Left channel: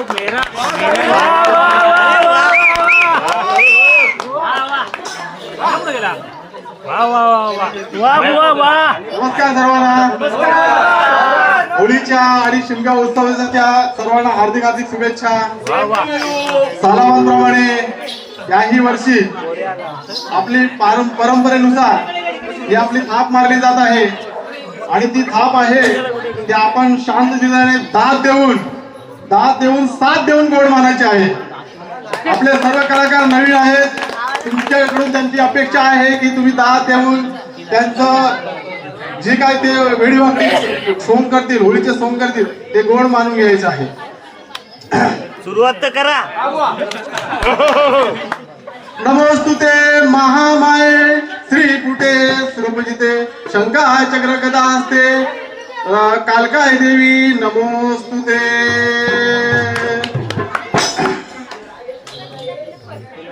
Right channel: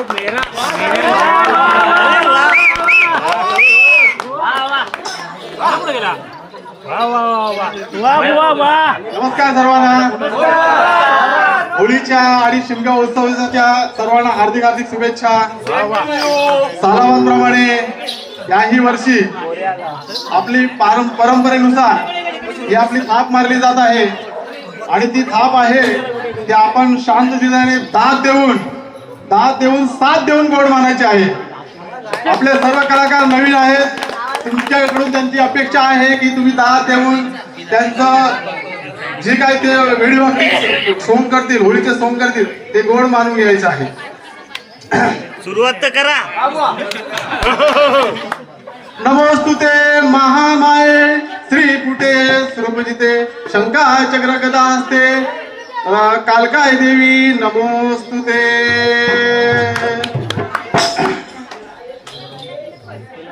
नमस्कार सर्वांना. होळीच्या आणि शिमगा उत्सवाच्या सर्वांना हार्दिक हार्दिक शुभेच्छा. सालाबांप्रमाणे याही वर्षी आपली परंपरेनुसार ही आपली थाप मारली जात आहे आणि ती थाप आहे ती आपण शांततेने दाद देऊन साथ देऊन गोड मानायची आहे. आपले सर्व कलाकार नवीन आहेत. तुमच्याकडून त्यांची अपेक्षा आहे की तुम्ही दाद देऊन त्यांचं जे काय ते व्हिडिओ सोंग करतील, होळीचे सोंग करतील, ते गोड मानून घ्यायचं आहे. सुरुवात तर करा. नमोस्तुते महामाये श्रीपुटे सुरपूजिते शंका चक्र गदा असते कालकाय देवी नमोस्तुते.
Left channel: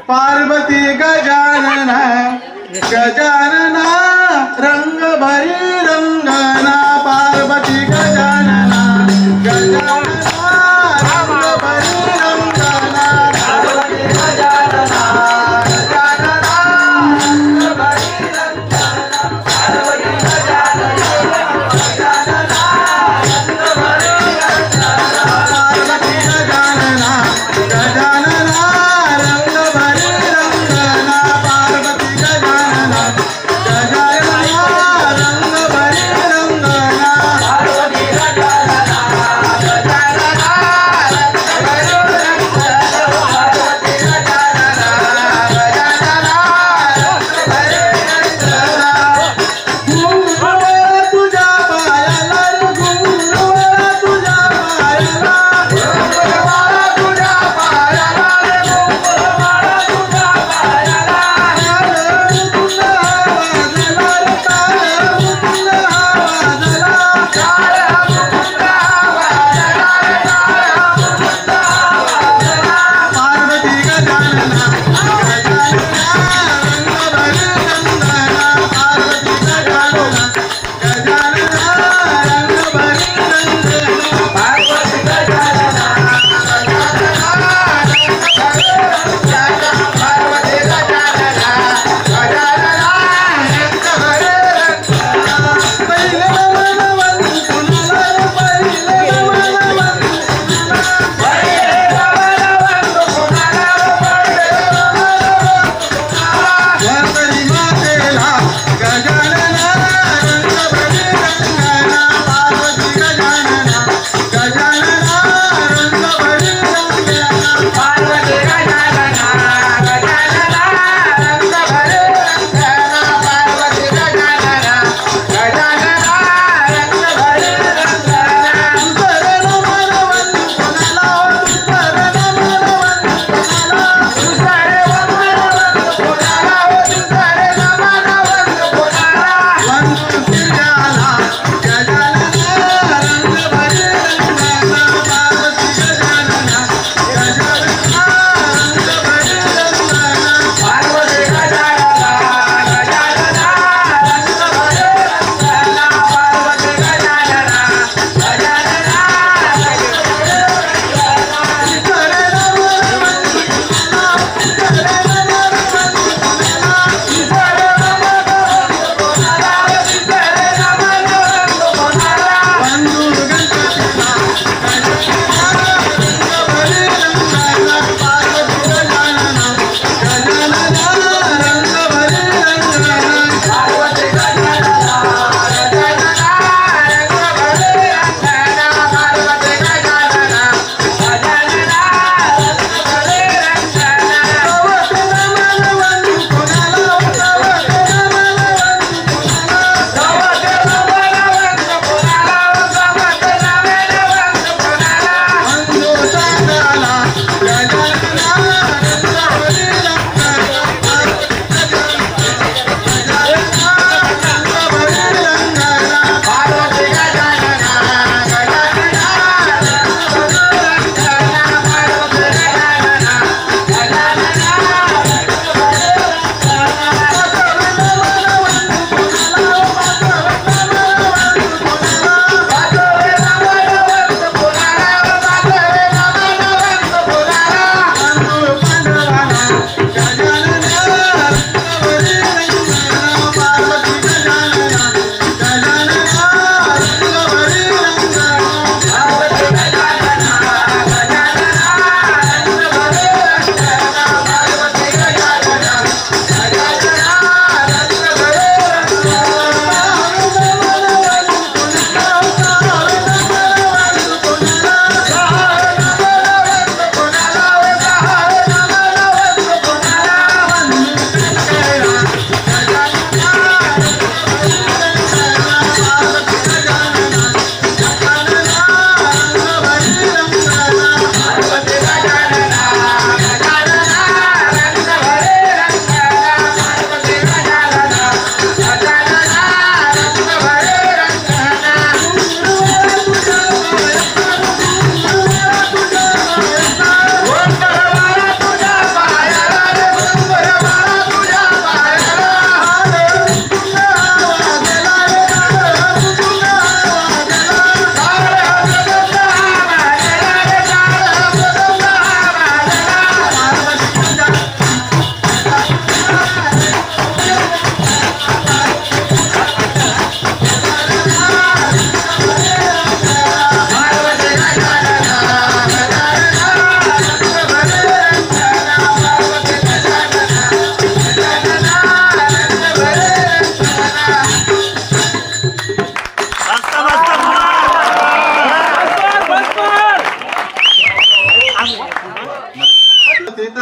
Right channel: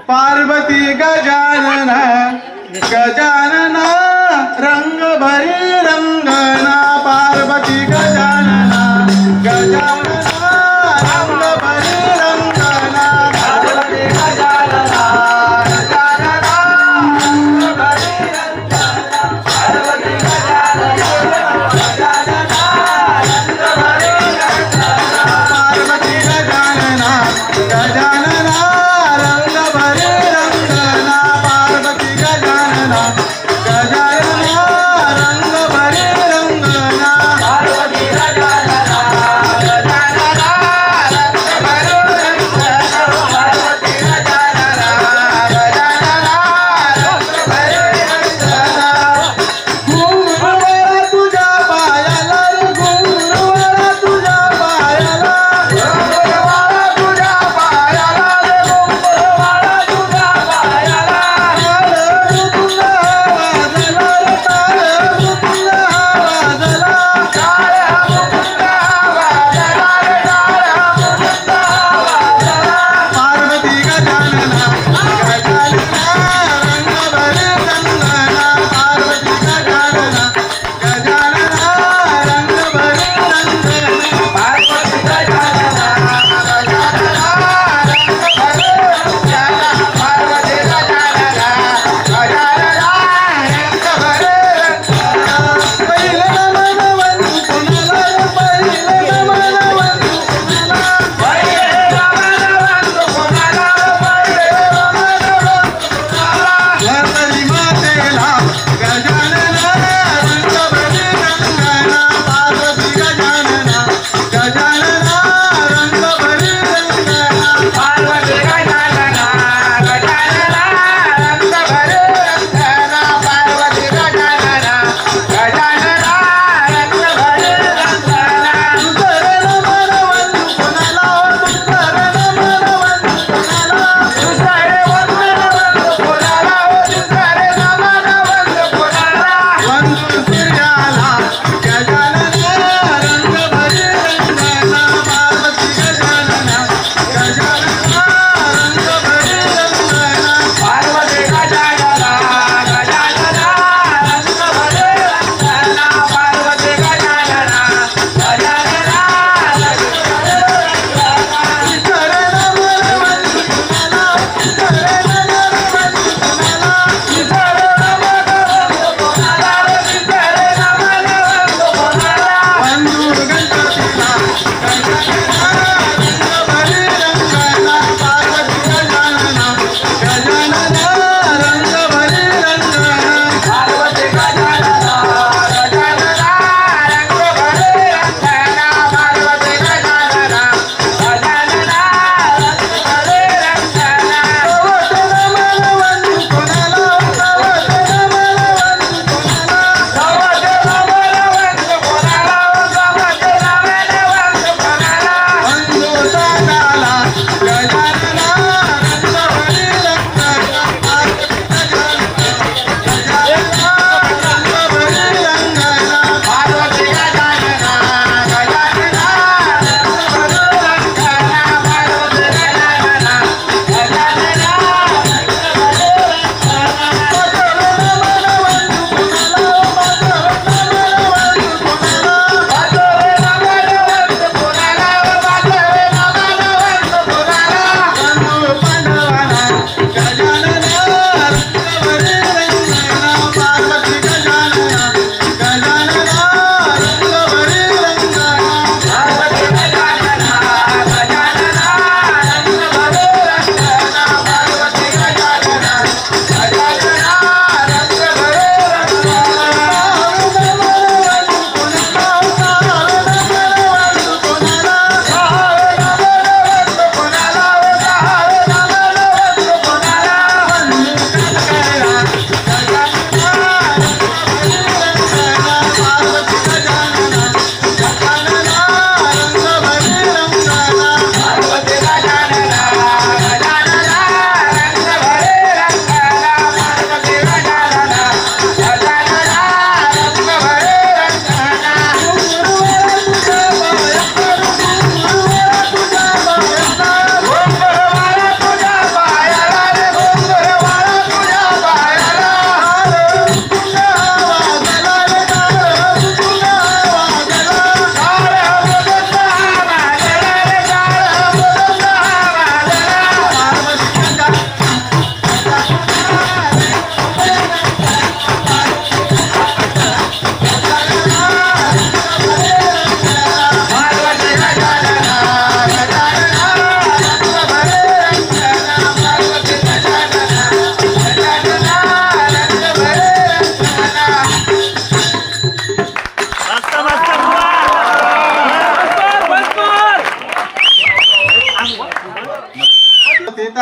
पार्वती गजानना गजानना रंग भरी रंगना. पार्वती गजानना गजानना रंग भरी रंगना. पार्वती गजानना गजानना रंग भरी रंगना. पार्वती गजानना गजानना रंग भरी रंगना. पार्वती गजानना गजानना रंग भरी रंगना. पार्वती गजानना गजानना रंग भरी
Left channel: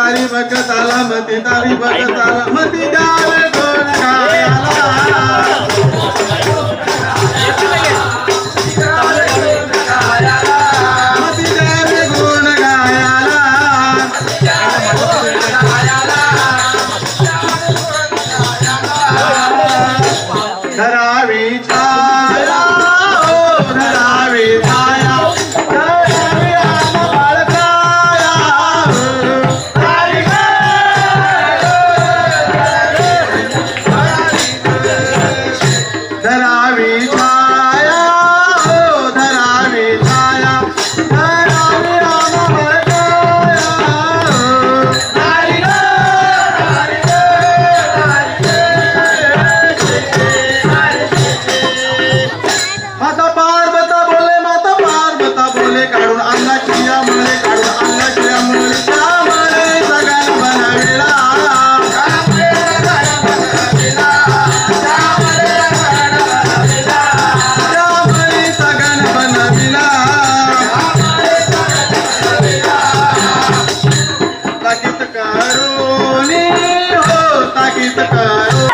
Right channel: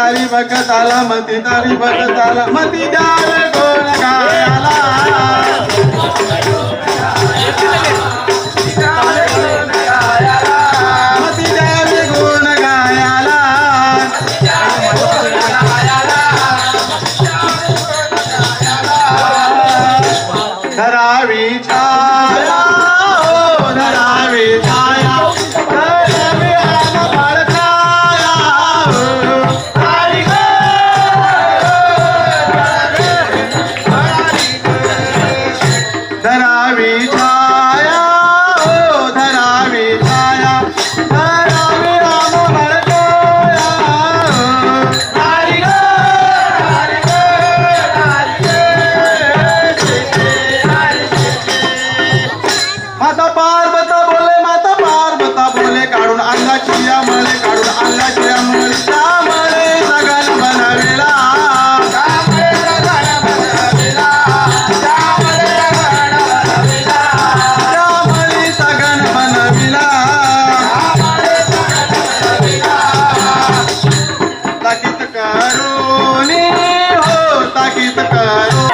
तारी बघताला मती तारी बघताला मती द्याल कोण गायाला मती द्याल कोण गायाला धरावी छाया धरावी छाया धरावी बाळकाया धरावी छाया धरावी छाया धरावी राम बाळकाया माता पार्वता बोले काढून अंगाची या मळे काढून अंगाची या मळे त्यामुळे सगळ्यांना बनविला त्यामुळे सगळ्यांना बनविला ताकीद करून हो ताकीद करू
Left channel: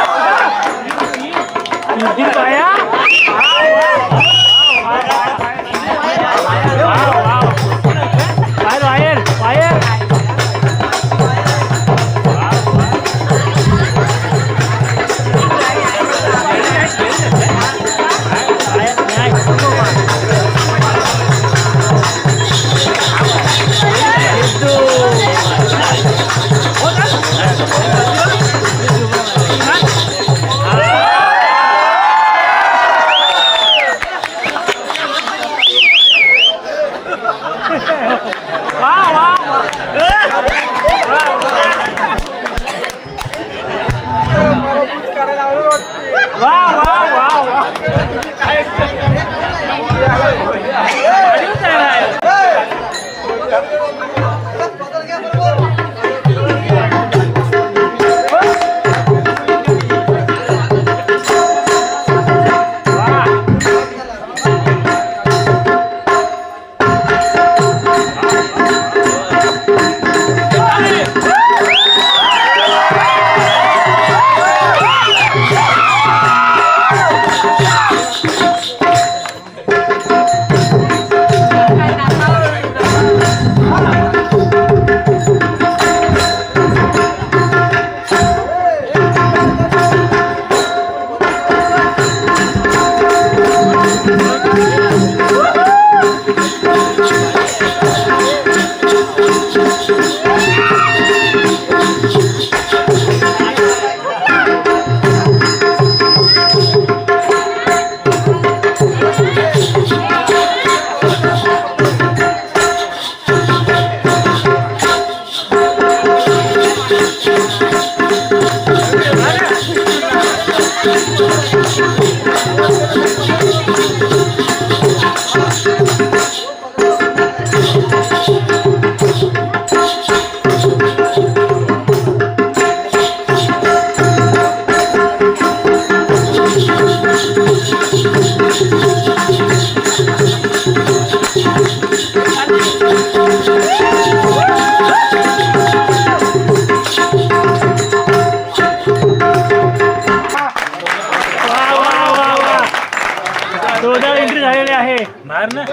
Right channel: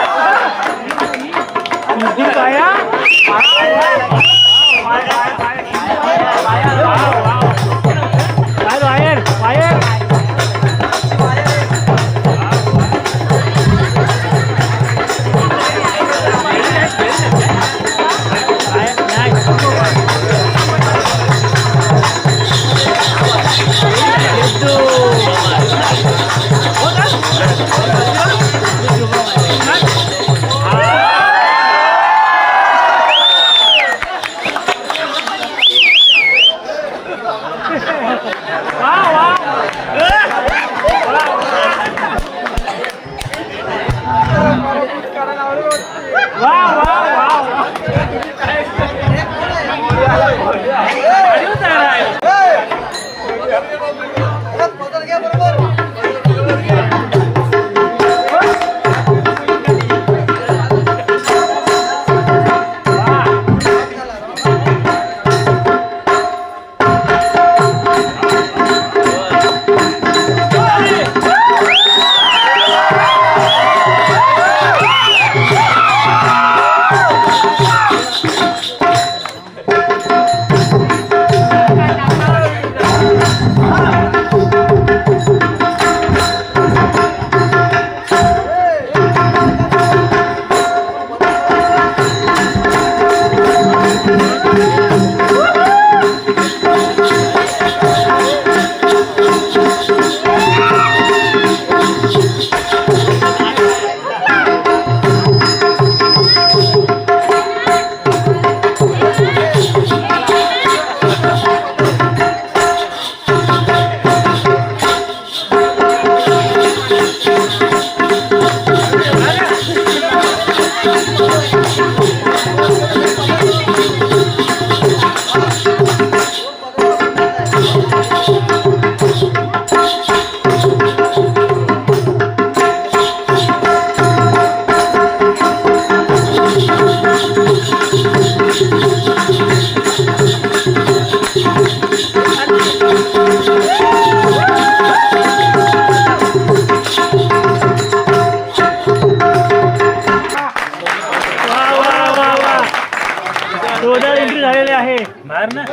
जोरदार एंट्री झालेली आहे बाहेर ना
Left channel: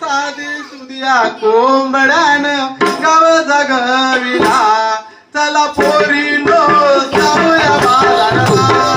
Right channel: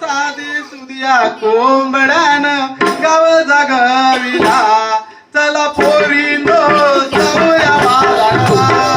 साधी सुदिया कोंबड्यान गाव जागविला चला पोरीनो जाऊया बाजारला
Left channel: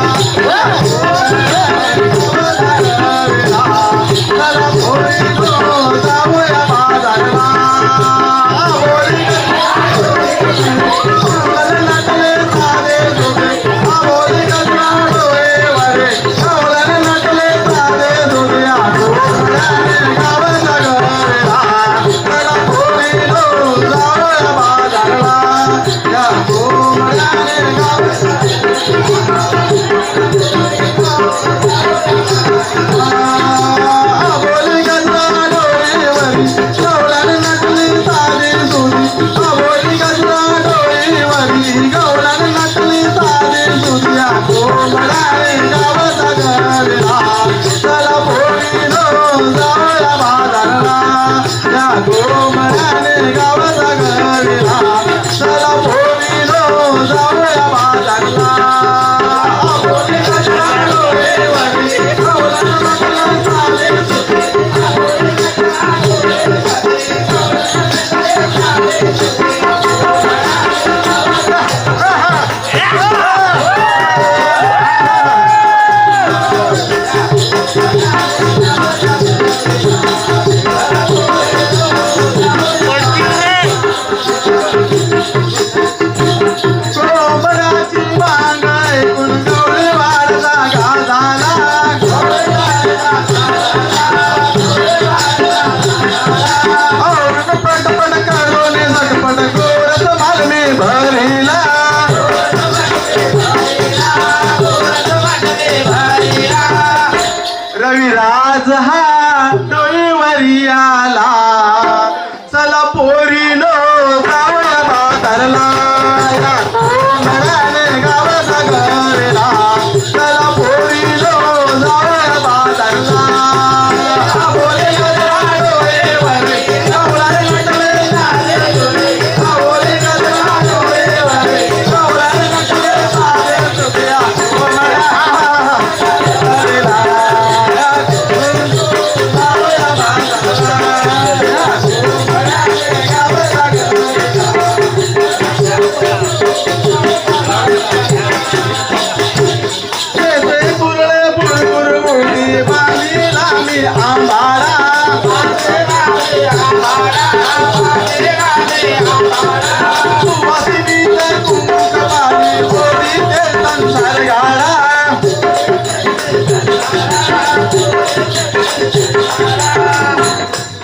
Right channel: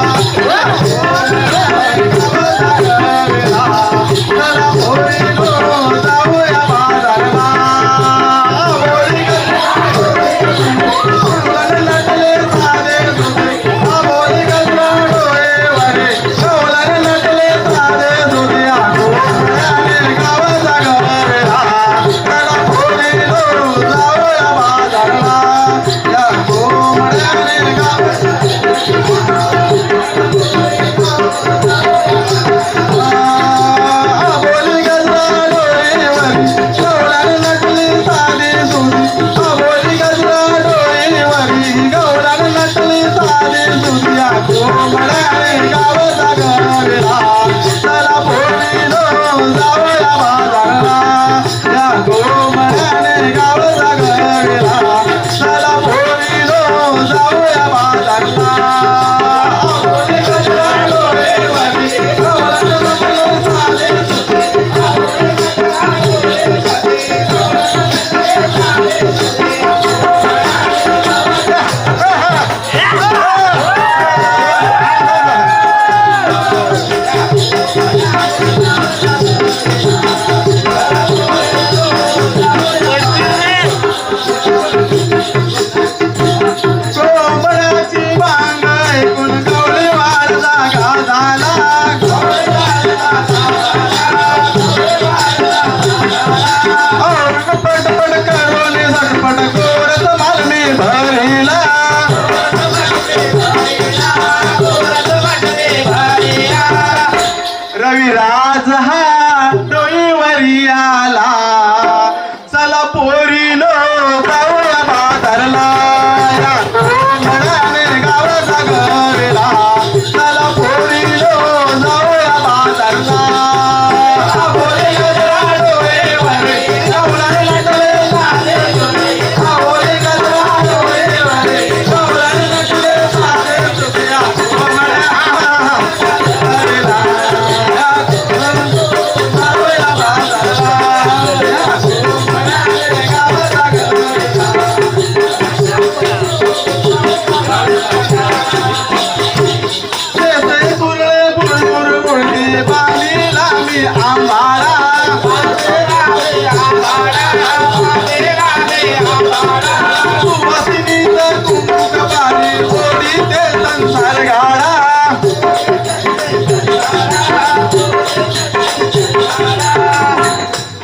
भरिला रविराज हा डोईवरी आला चला पोरीनो जाऊया म्हातारला या कोंबड्याने गाव सागरला चला पोरीनो जाऊया म्हातारला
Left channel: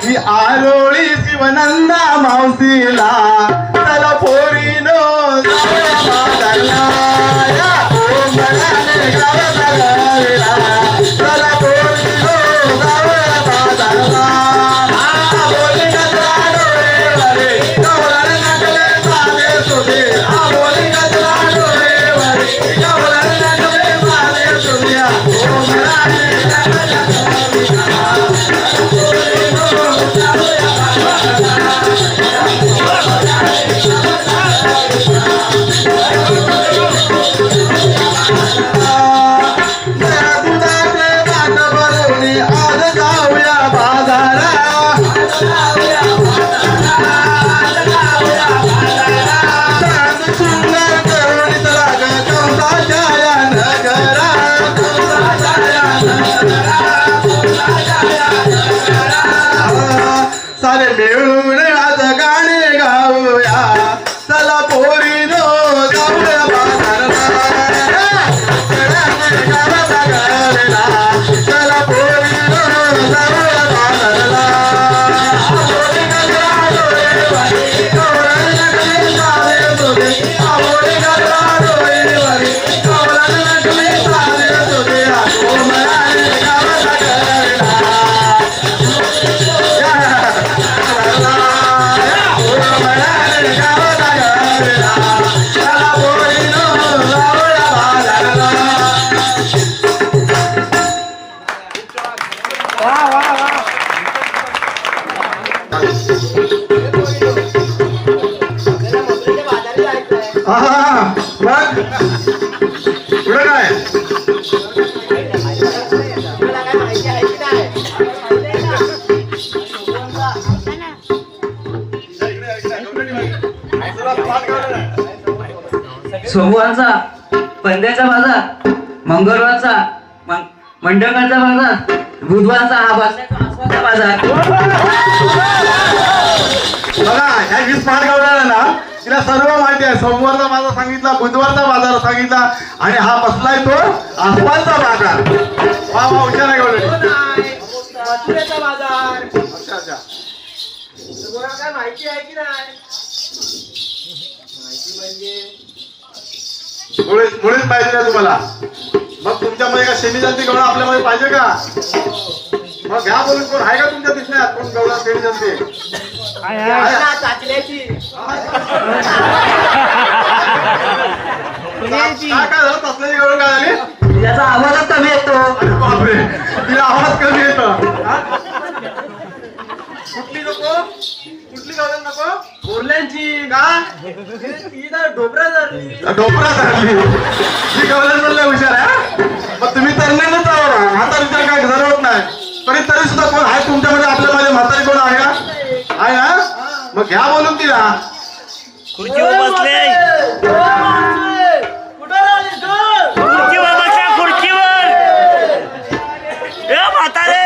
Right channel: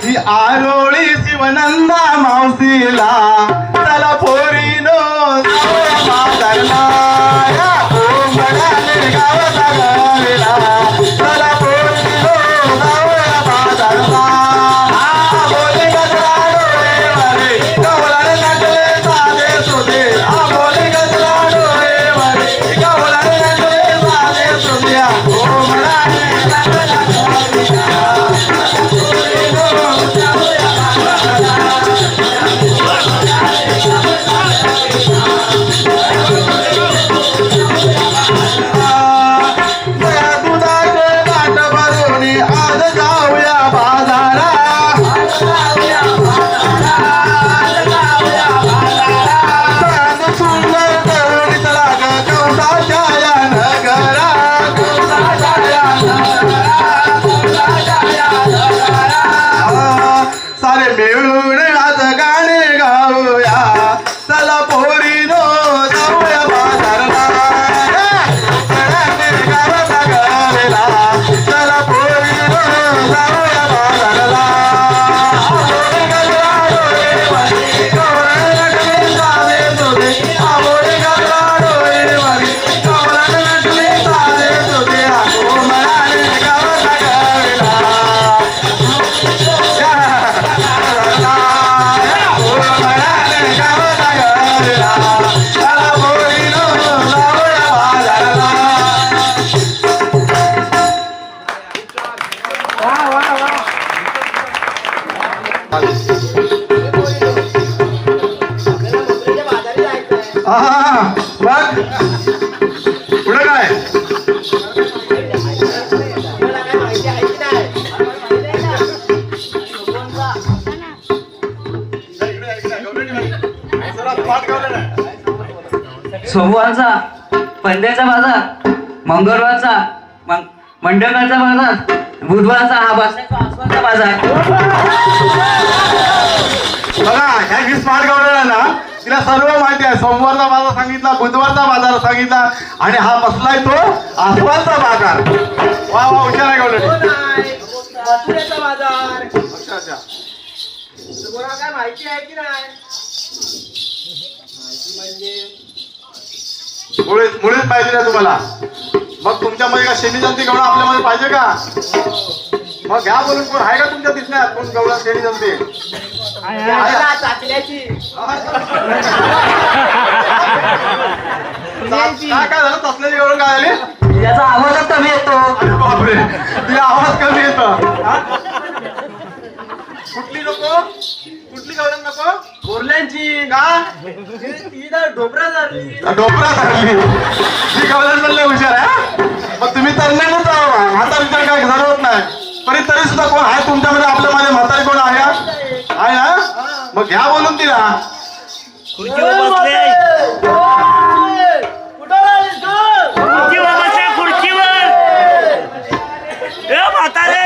ही आरोळी शिवनंदा मावशीला चला पोरीनो चला सारे मिळून आज गाणे गाऊया चला पोरीनो जाऊया बाजारला चला पोरीनो जाऊया बाजारला सोमवारचा पंड्याचा बाजार, मंगळवारचा मंडळाचा बाजार, बुधवारचा हा पाचवाचा बाजार. बघा ह्या 20 मार्गावर ना तिला सर्व माहिती आहे. सोमवारचा बाजार सांगितला, बुधवारचा बाजार सांगितला आणि हा बसलाय तो आसवालचा बाजार. वा वा हुशार आहे गौडे. मथुरेचा बाजार. तुम्हाला काय माहिती आहे की नाही? माहिती म्हणजे मुळेच पाहिजे ना तुम्हाला. मग तुमच्यामध्ये का शेणी जंती गवळा आपल्यामध्ये पाहिजे का? मग घ्या बोलून. कोण आहे का तुमच्या दिसण्यात कोण गवळा शेणी जंती? चाचल्याची काय झालं? तसल्याची गवळ काय झाली? याचा आवाजच कमी येतो. बापरे, तुझा आवाज कमी येतो. कुठली नको? कुठली गवळण नको? बोरल्यांची का? ढोबरा झाली. डोकरा झाली. ही गवळण म्हणले हुशार आहे. मग तुम्ही तरुणांच आहो, आता विचार काय जरूरत नाही. पण तरी सुद्धा कोण आहे तुमच्यामध्ये? आपल्या माझ्या म्हातारी कोण आहे का? आहे ना? मग घ्या बोलून तिला. खुर्चीवर बसले. कुठं राहिलीस तू? खुर्चीवर बसले, खुर्चीवर. ए म्हातारे.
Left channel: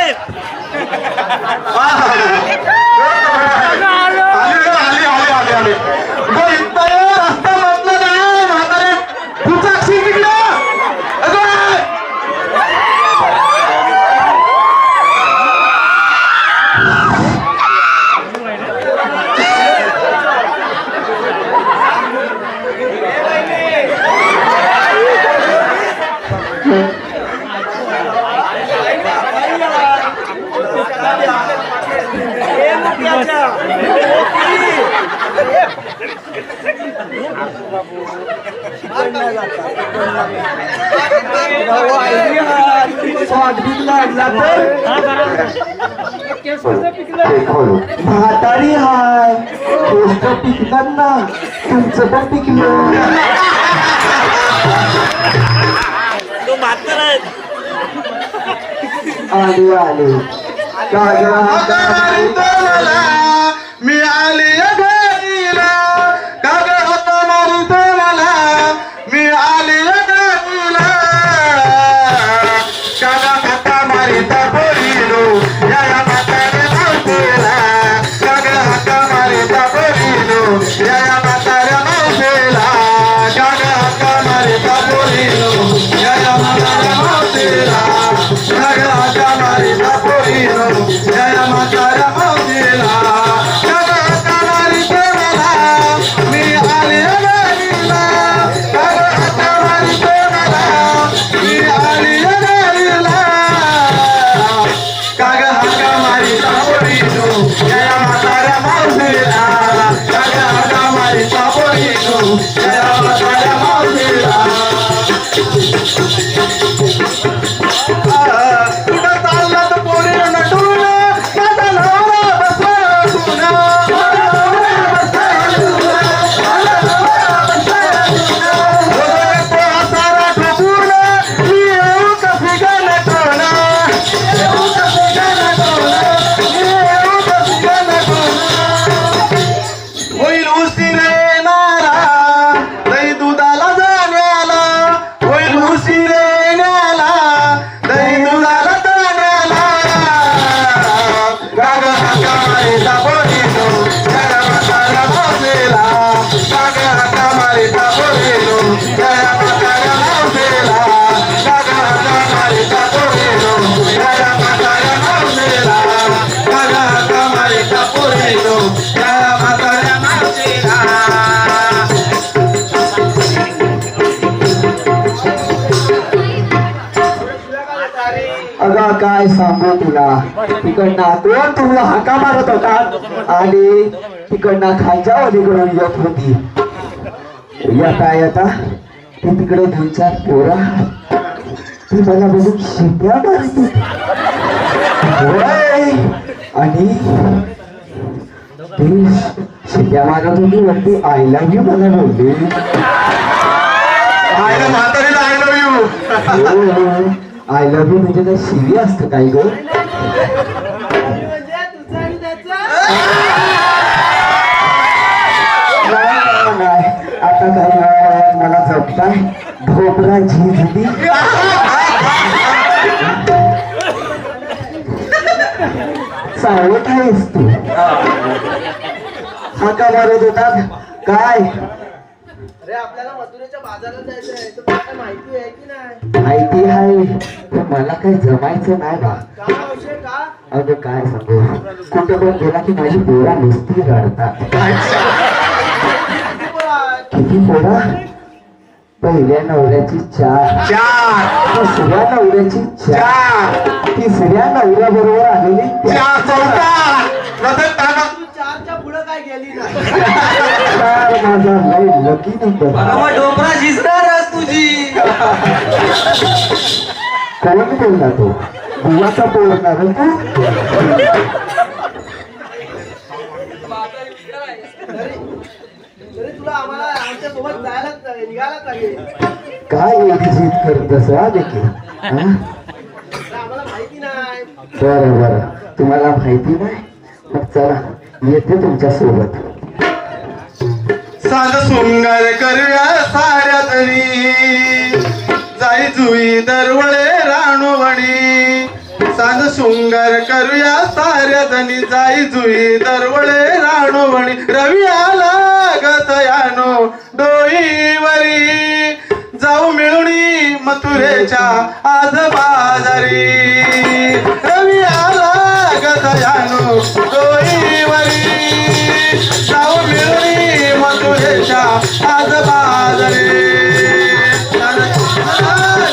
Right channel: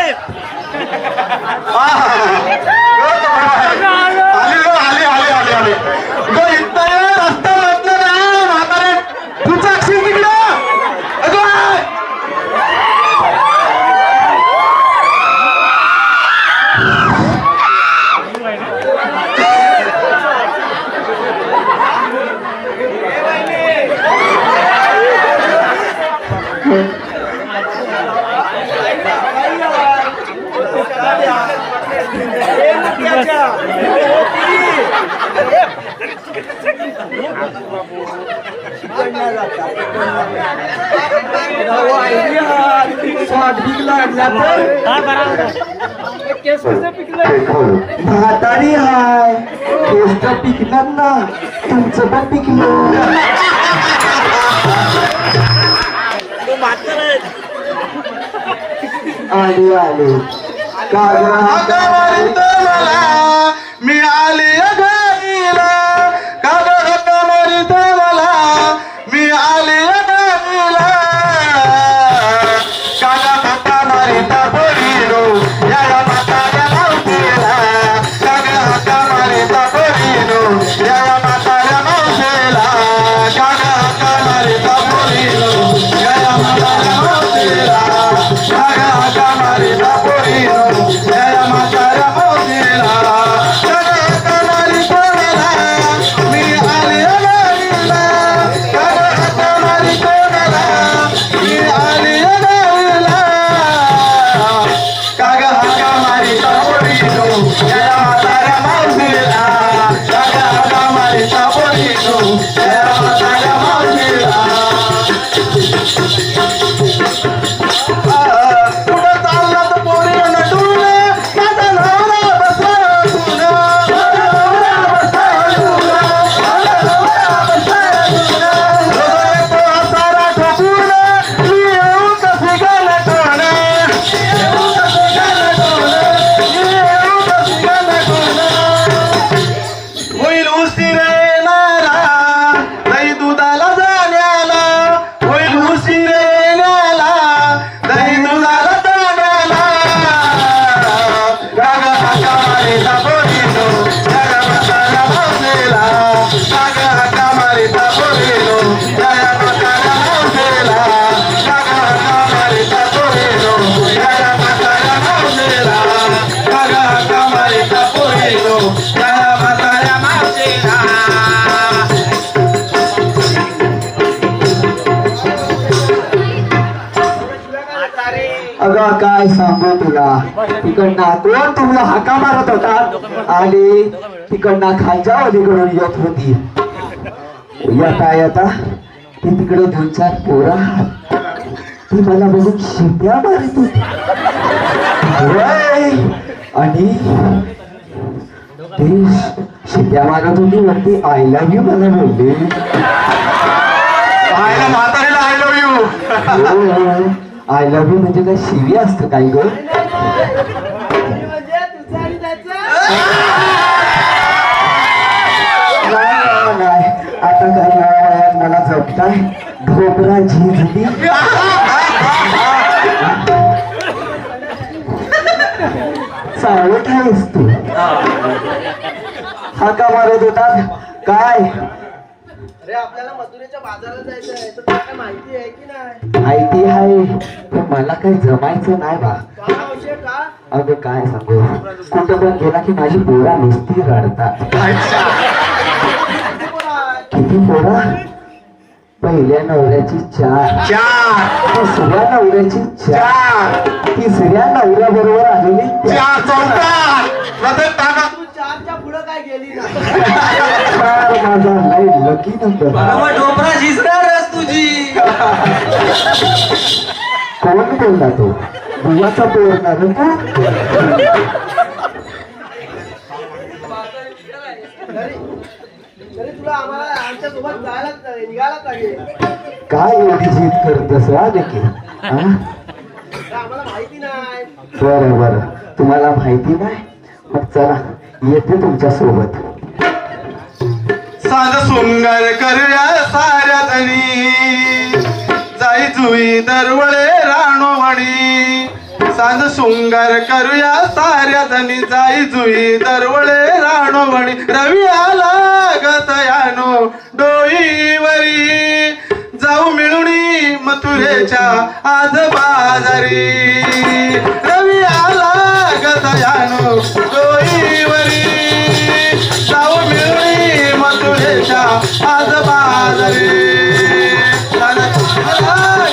आले गो इथं रस्ते वाटलं ना म्हातारे. तुमचा अक्षर निघलं. म्हातारी हाय गोष्ट पिकणार ना तुमचं पण पिकलं तो म्हातारा आहे. आले आले मी आली घरीला काग होत मारित मला मी आली घरीला कागा खाता मारिता बोलिलो या म्हाताऱ्या माणसेला कागा हाका मारिता बोलिलो या म्हाताऱ्या माणसेला कागा हाका मारिता बोलिलो या म्हाताऱ्या माणसेला कागा हाका मारिता बोलिलो या म्हाताऱ्या माणसेला कागा हाका मारिता मला मी आली घरीला कागा हाका मारिता मला मी आली घरीला कागा हाका मारिता बोलिलो या म्हाताऱ्या माणसेला कागा हाका मारिता बोलिलो या म्हाताऱ्या माणसेला कुठं चालला तर पोरी नटून माझा नवरा बसला सारा ठोकून मी येऊ कशी गाणं होईल उशीर येणारा दही दुधाला जाण्याला होईल उशीर येण्याला दही दुधाला जाण्याला गाग हाका मारिता बोलिलो गाग म्हाताऱ्या माणसेला गाग हाका मारिता बोलिलो गाग म्हाताऱ्या माणसेला गाग हाका मारिता बोलिलो गाग म्हाताऱ्या माणसेला गाग हाका मारिता बोलिलो गाग म्हाताऱ्या माणसेला अगं काय सांगू तुला तिकडनं कोण तुला हाका मारत होता आली तिकडनं खालच्या अलीकडून येत होती येता ते तिकडे दोन चार पोरं ती मला बघून शिट्या मारत होती होय. आणि ती शिट्या मारत होती वरती आय लव्ह यू मला बोलली आयला म्हातारीला I love you I love you म्हणजे काय शिवी असतं काय ग म्हणजे तुझं आणि त्याचं नाही आता काय मला झोपताय भोपरा झिजली सावट आहेस तू हा का मारत होता काय अरे आपल्याला मथुरेच्या बाजारात जायचं आहे तर तुला काय माहिती आहे की नाही माहिती आहे पण मला काही जमायचं नाही बा का औषध का अगं काय सांगू कुठं पण गेला की माझी पोरा नुसती रडतात किती पोरं आहेत? किती पोरा पहिल्या नवऱ्याची चार दुसऱ्या नवऱ्याची चार तिसऱ्या नवऱ्या बरोबर आलेली तू चारच्या पुढं काय गेली नाही चार माझा लय लकी नंबर डोबरा झिजणारच तुझी कोण बोलला तो बुवाचा बोलणार तरी तरी तुला आम्हाला आमच्या सोबत जायला निघायला पाहिजे काय एवढी जीत करतस वा देखील तर आम्हाला माहिती नाही बरं बरं तुम्हाला माहिती नाही मग चला येते तुमच्या सोबत सांग सुंदर करूया साऱ्या जणी जाई जुई दरवळे राणोवणी सांग शृंगार करूया साऱ्या जणी जाई जुई दरवळे राणोवणी रवी आला गतयानो डोईवरी जाऊ मिळूनी मथुरेच्या आज बाजारी रवी आला गतयानो डोईवरी जाऊ मिळूनी मथुरेच्या आज बाजारी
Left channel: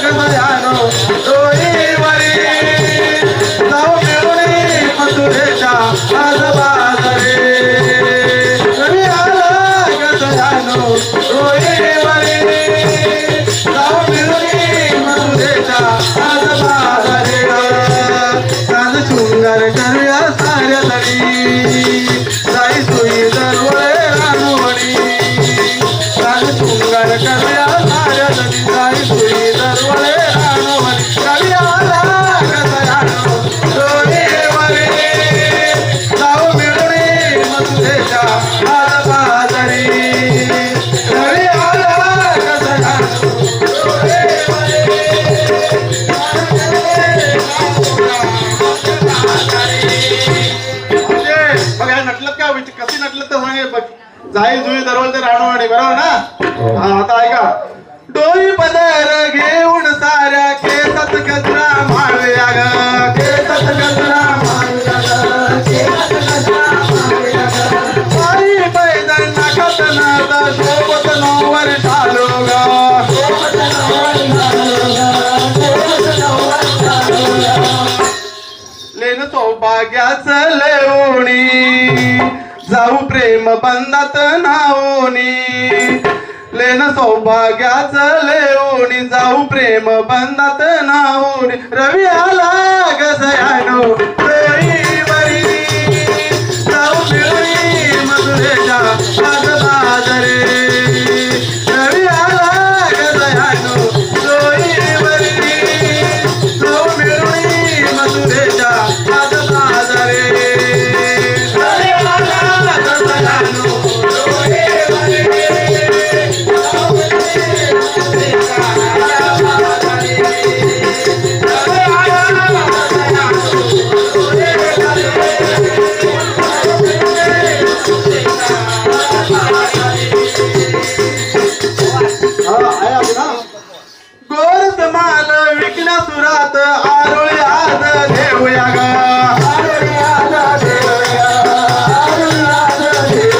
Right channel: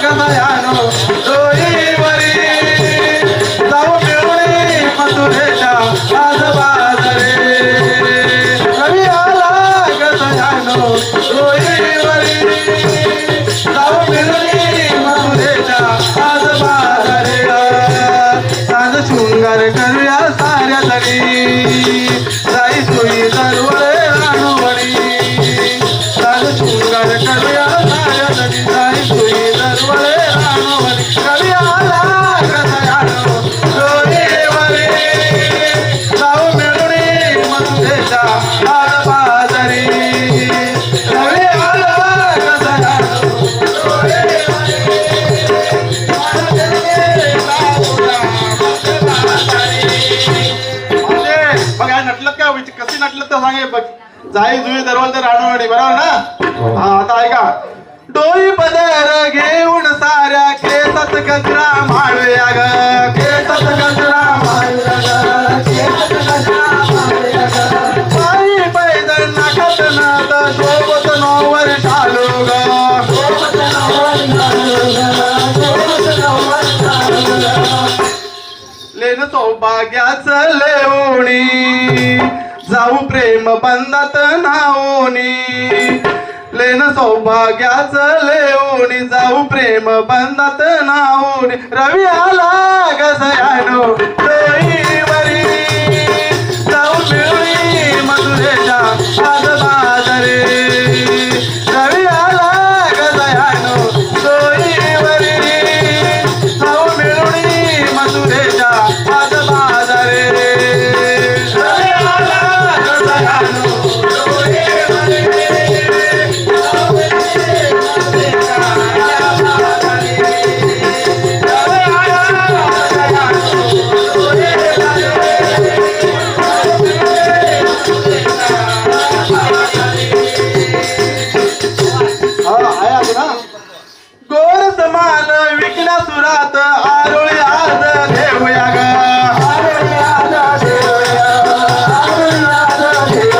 गतयानो डोईवरी जाऊ मिळूनी मथुरेच्या आज बाजारी रवी आला गतयानो जाई जुई दरवल ते राणूवाडी बरोबर ना हा आता ऐका डोई पदर घेऊन साऱ्या केसात गजरा माळूया ग केसात गजरा माळूया ग केसात गजरा माळूया ग बाई पैदल नाकात नाद शोभत नवर चालू ग शोभत नवर चालू ग शोभत नवर चालू ग लेन सौभाग्याचं लेवणी जाऊ प्रेम बंधात नावणी लेन सौभाग्याचं लेवणी जाऊ प्रेम बंधात नावणी रवी आला ग सयानो देईवरी जाऊ मिळूनी मधुरेच्या बाजरे रवी आला ग सयानो देईवरी जाऊ मिळूनी मधुरेच्या बाजरे रवी आला ग सयानो गोर समान विकल्या सुरात आरोळी आज देऊया ग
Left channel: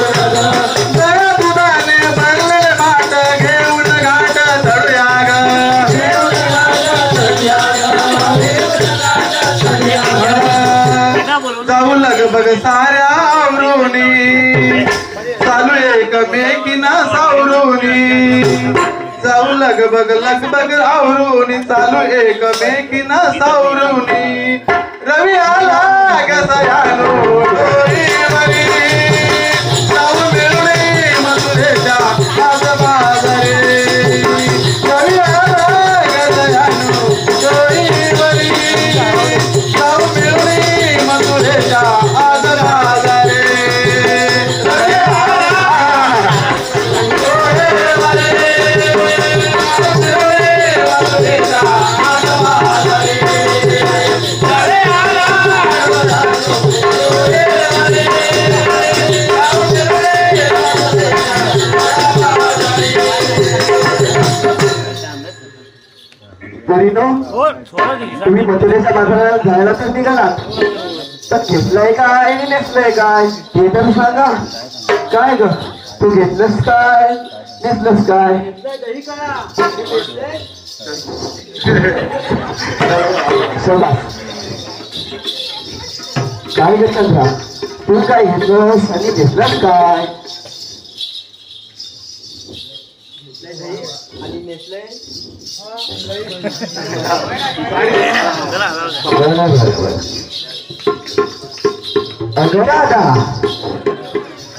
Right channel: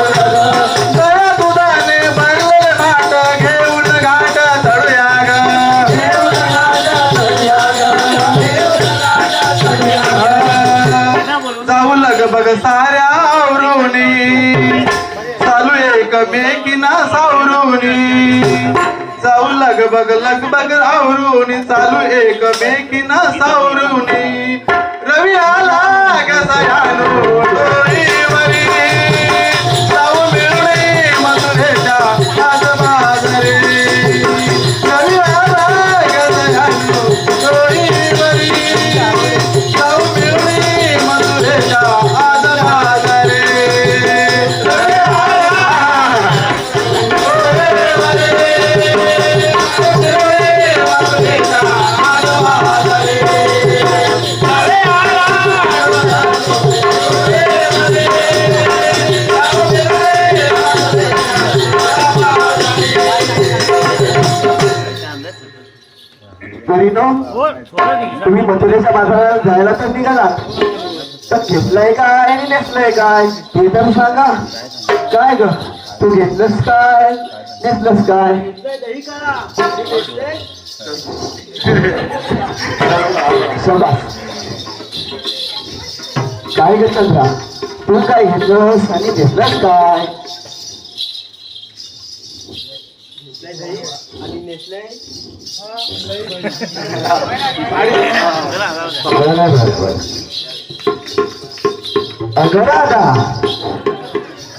गळा दुधाने भरले माठ घेऊन घाट धरूया ग जाऊ लगबग साऱ्या आवरोनी चालू एकमेकीना सावरोनी जाऊ लगबग आवरून चालू एकमेकीना सावरून रवी आला ग सयानो डोईवरी जाऊ मिळूनी मधुरेच्या बाजरे रवी आला ग सयानो डोईवरी जाऊ मिळूनी मधुरेच्या बाजरे पोरीनो हो थोडं घे. तुम्ही मथुरेच्या बाजारात जायला पण निघालात तर घेतलंय काय आणि नेसलंय काय ते तर सांगा काय ग तू घेतलंस काय नेसलंस काय दही काढा घेतलंय. शाबास. काय ग चंद्रा तू काय घेतलंस आणि घेतलंस काय दही आणि नेसलंय. अगं दादा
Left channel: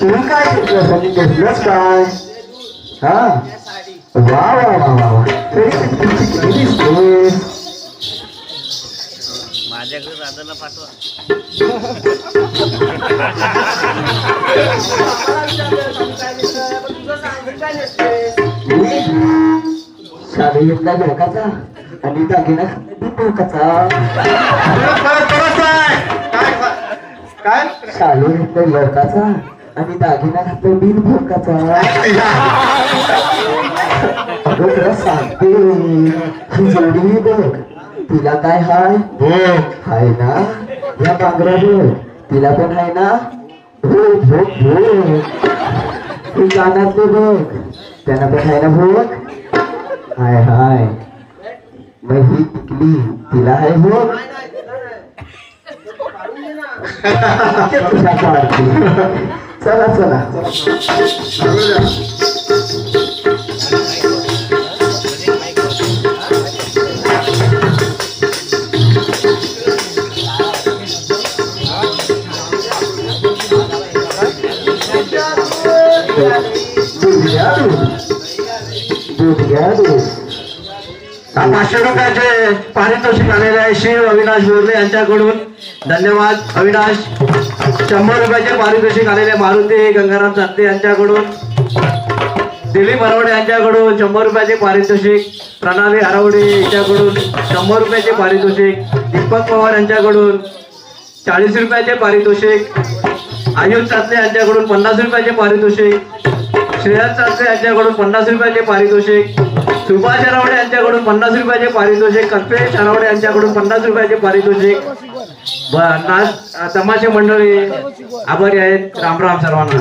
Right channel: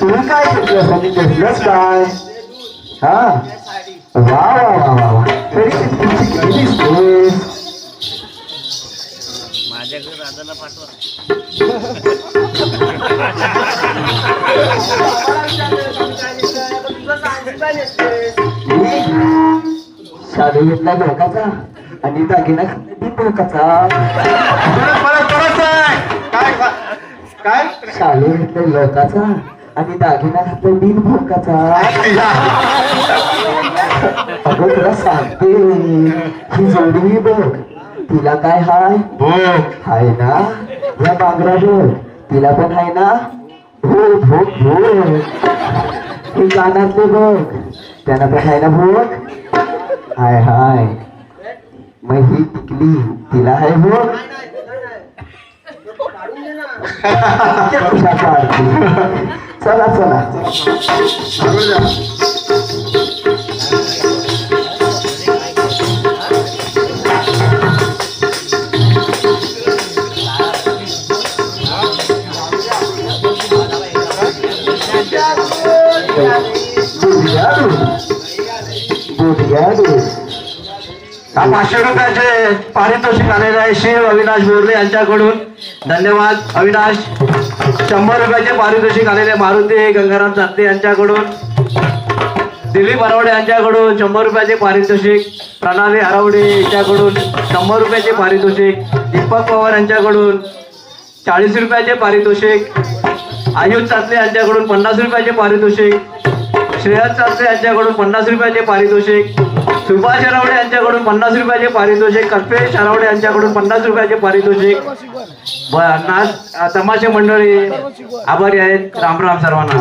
तू काय घेतलंस आणि घेतलंस काय हा साडी वा वा वा वा वा किती दिसतोस माझ्याकडे राजाला पाठवा. शाळा घेतला धोकाचा आणि दागिना धोकाचा काय शाळा घेतला लोकाचा आणि दागिना घातला बिन भोकाचा अगं तुला सांगते ही जोडी बघ तिला काय हाय हाय ना या बांगड्या बघ तिला पण हाय ना भूक भूक भूक हे कानातले बघ त्यांना पण हाय ना भूक हाय हाय मग ही टिकली तिला हाय भूक चला चला ₹500 पारितोषिक आलेले आहे श्री अविनाश बोरले यांच्याकडून धन्यवाद अविनाश. 100 रुपयाचे पारितोषिक आलेले मारुती गंगाराम चाकते यांच्याकडून. दिलीप हरवडे यांच्याकडून 100 रुपयाचे पारितोषिक. प्रणाली हरवडे यांच्याकडून 100 रुपयाचे पारितोषिक. दीपक पवार यांच्याकडून 40 रुपयाचे पारितोषिक. आयुष चाकते यांच्याकडून 50 रुपयाचे पारितोषिक. श्रेयस चालते यांच्याकडून 50 रुपयाचे पारितोषिक, सुभाष हरावडे यांच्याकडून 50 रुपयाचे पारितोषिक, कल्पेश हरावडे यांच्याकडून 50 रुपयाचे पारितोषिक. तमाशे मंडळी आभारी आहेत. राम राम सर्वांना.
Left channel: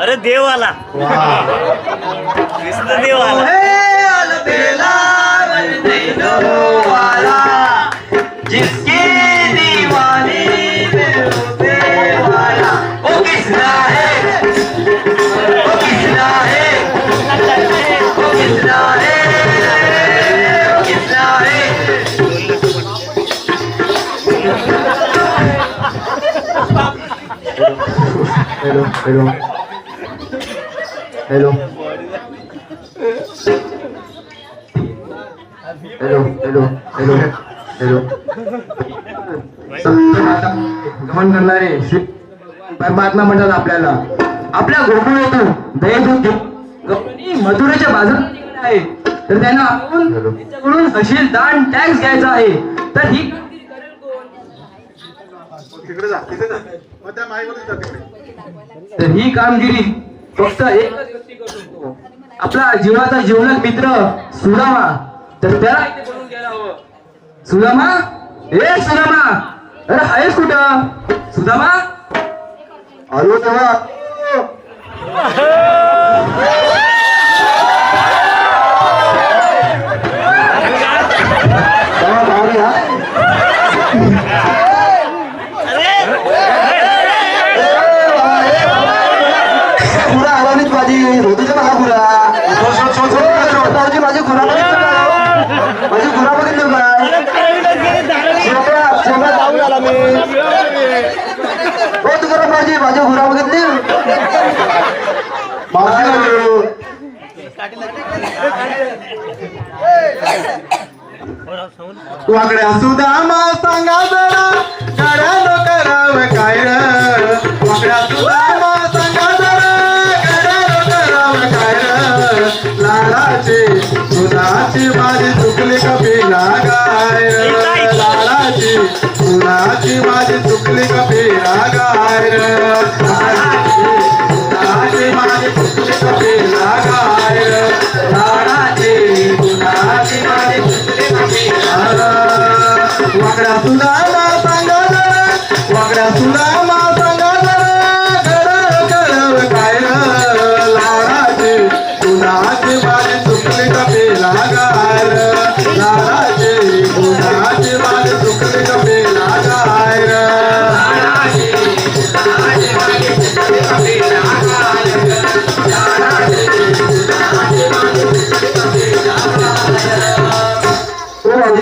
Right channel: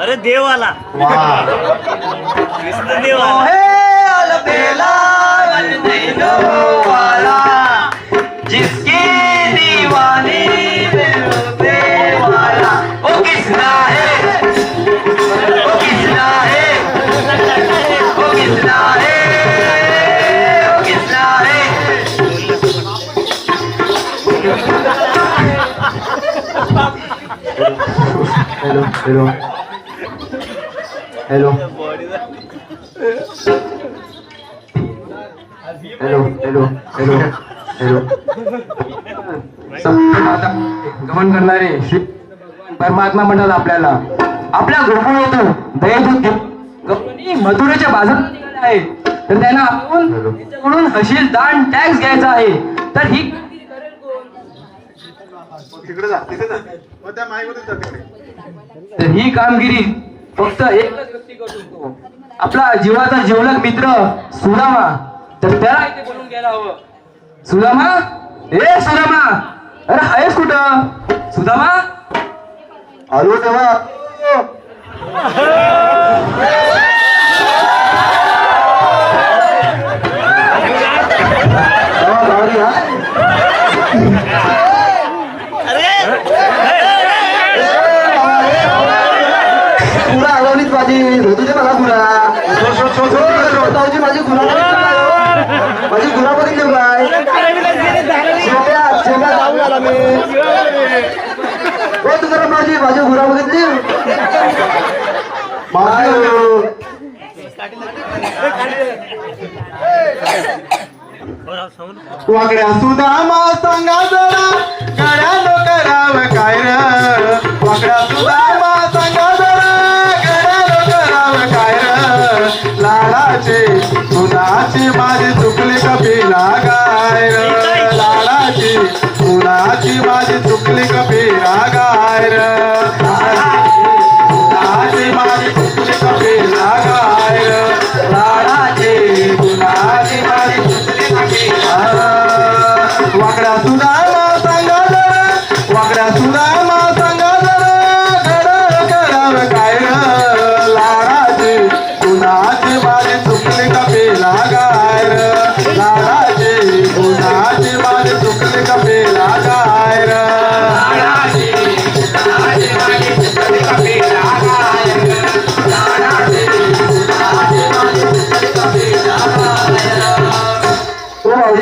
अरे देव आला, देव आला. जिसकी दीवानी में होते वाला वो किसना है, वो किसना है, वो किसना है, वो किसना है. Hello hello hello hello hello hello गमन करणारे श्री परमात्मा म्हणतात आपल्याला, आपल्या गोकुळातून दयेतून मथुरेच्या बाजारात निघाले आहे, तर त्यांना आपण त्यांच्याकडून हशील दान टॅक्स घ्यायचा आहे. तर ही कामगिरी करेल कोण? तिकडे जा, तिथे जा. त्या माईमध्ये जा तिकडे. तर ही कामगिरी फक्त एकच व्यक्ती करू शकतो, आपला जीवाचा जीवलग मित्र सुदामा. तर त्याला इथे बोलून घ्यायला हवं. सुदामा, ए सुदामा, अरे आहेस कुठं? सुदामा, आलो तेव्हा. पुरा आवानीच माझी ऋतूच्या मला पुरा माझी गुरा माझी गुरा बघितली काय जाऊन आला मी. हो तुझ्या माझी माझी गुरा बघितली वाकड्या सुदामा सांगा जरा गड्याला करावं काय र. वाकड्या सुदामा सांगा जरा गड्याला करावं काय र. लालाची कुणाची माझी चुकली कपी लागाय. लालाची कुणाची माझी चुकली कपी लागाय. लालाची माझी चुकली कपी लागाय. लालाची कुणाची माझी वाकड्या सुदामा सांगा जरा वाकड्या सुदामा सांगा जरा गड्याला करावं काय र. लाडाची कुणाची माझी चुकली कपी लागाय. लाडाची कुणाची माझी चुकली कपी लागाय.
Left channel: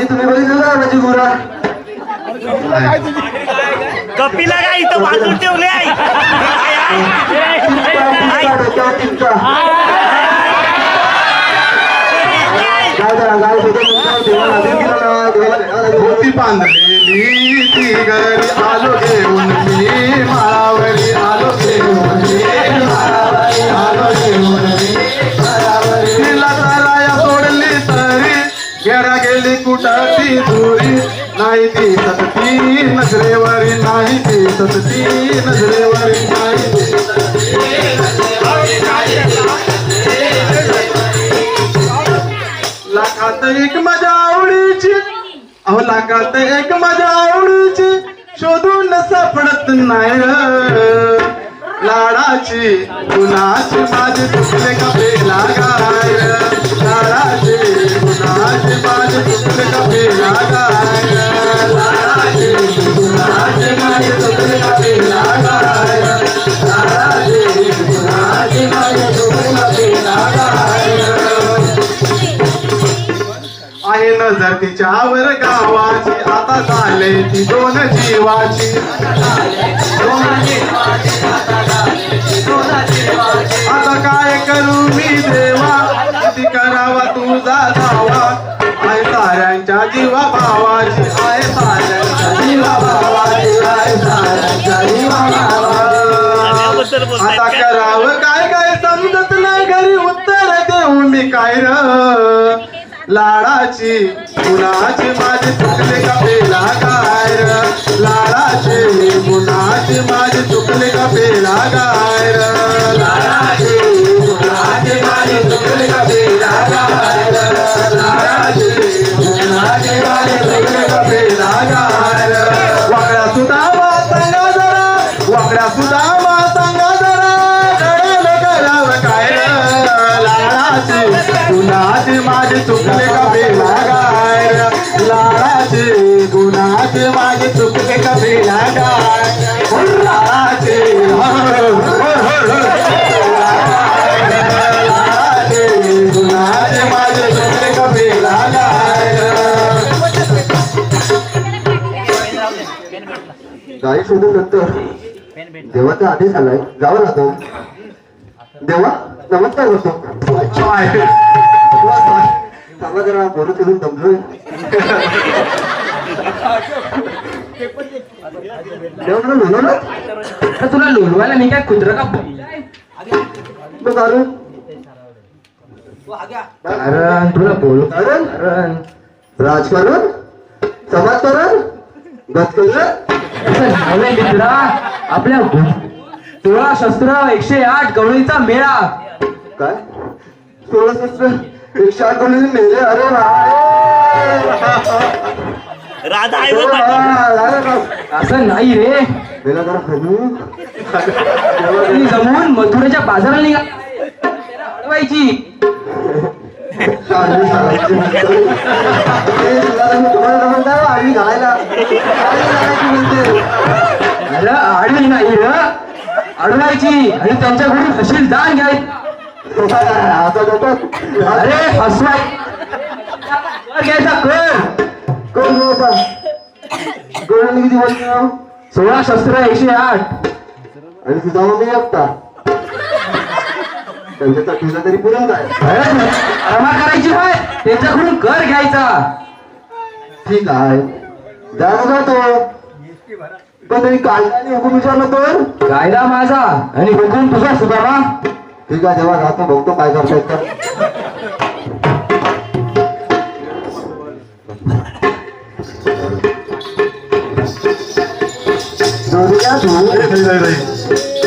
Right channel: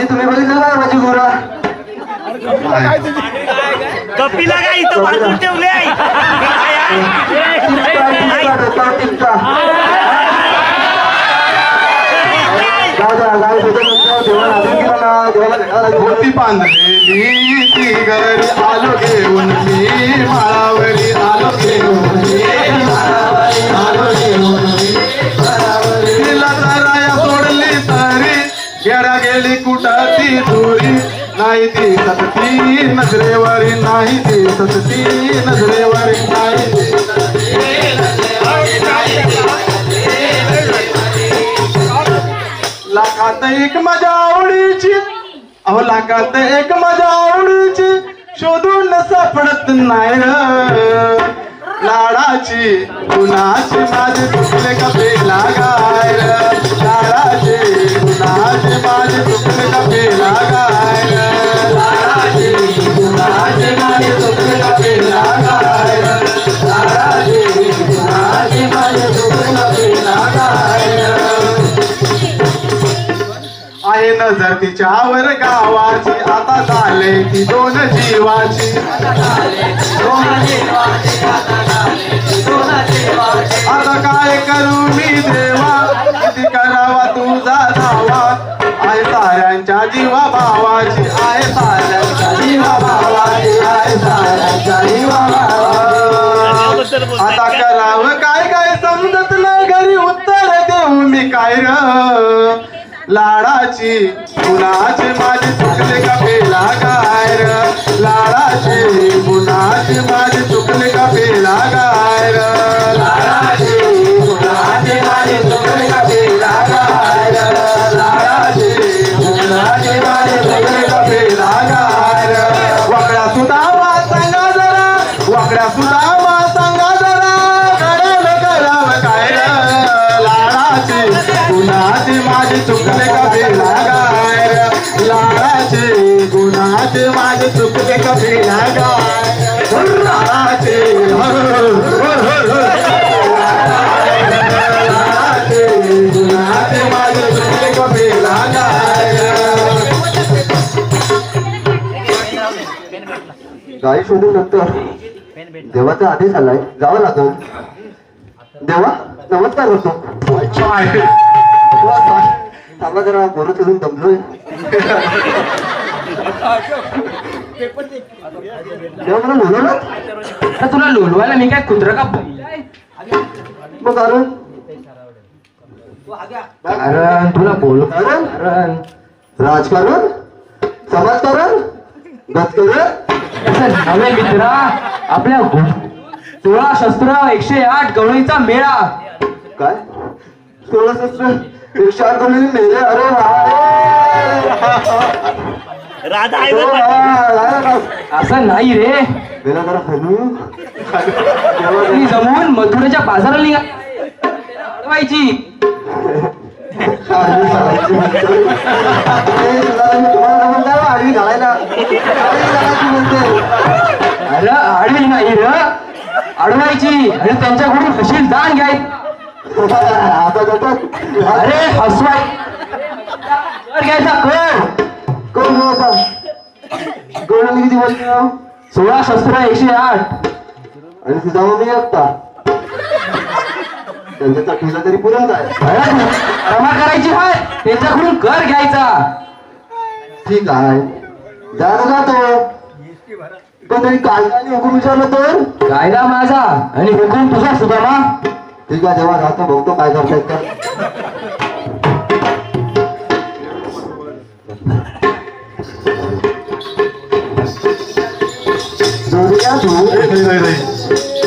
तुम्ही बघितलं काय माझी गुरा? कपिला का इथं बांधून ठेवले आहे. होती बांधलेली ती घरी आलो घेऊन मी. मावरी आलो घेऊन मी. आलो घेऊन मी. तिला जरा सोडली तरी गेडा गेली कुठं ती धुरी. नाही ती सतती नजरेवर नाही ती सतती नजरेवर नाही. लाखात एक माझ्या आवडीची अहो लाखात एक माझ्या आवडीची शोधून सापडत नाही. लाडाची कुणाची माझी चुकले कपे लागाय. लाडाची कुणाची माझी चुकले कपे लागाय. लाडाची कुणाची माझी चुकले कपे लागाय. लाडाची कुणाची माझी चुकले कपे लागाय. आहे नजर तिच्यावर गावाची आता झाले ती दोन जीवाची. आता काय करू मी देवा किती करावा तुझा धावा. आहे साऱ्यांच्या जीवा भावाची आहे साऱ्यांच्या बद्दल बोलताय आता काय? करावं काय काय समजत नाही घरी उत्तर देऊ मी काय र लाडाची गुणाची माझी चुकले का पेला काय र लाडाची गुणाची माझी चुकले का पेला काय र लाडाची गुणाची माझी चुकले का पेला काय र लाडाची गुणाची माझी चुकले का पेला काय र वाकडा सुद्धा सांगा जरा वाकडा सुद्धा गुणाचे माझे चुकले का बेला गाय लाडाचे गुणाचे माझे चुकले का बेला गाय लाडाचे गुणाचे माझे चुकले का बेला गाई सोडून नंतर देवाचा आदेश आलाय जावं लागो देवा नमस्कार होतो सांगा जरा बोलू सोडून दमलोय देवा मला बोलवलं आता तुला लोलवायला मी काय कुत्र का बैल आहे? मग अरे अरे तुला बोल राजकारण समाजकारण गजकारण असं नव्हे मित्रा. आपल्या 16 शस्त्र 108 गवळीचा मेळा. काय 16 शस्त्र 108 गवळी मेले अरे राधा आहे बा पाटील. असं नाही रे. गेला जरा हळू आणि जमून मथुरेच्या बाजाराला निघाली आहे. त्याला अडवायची. अरे आडवी नाही र अडवायची आणि त्यांच्याकडून फशील दान घ्यायचं. अरे फसवाय कर घ्यायचा कर. किती बोलतो 16 शस्त्र 108 आणि तुझा नाही असता त्यांच्या तुझं तरी पुरण जाय अरमा करायची होय त्यांच्याकडून कर घ्यायचा. ठीक आहे जाणं जातो पण तरी कायद्याने हुकूम विचारलं तर कायदा माझा आणि हुकूम तुझा सुधामा. ठीक आहे जेव्हा जातो बघतो काय करता येतं. जोडीला दूर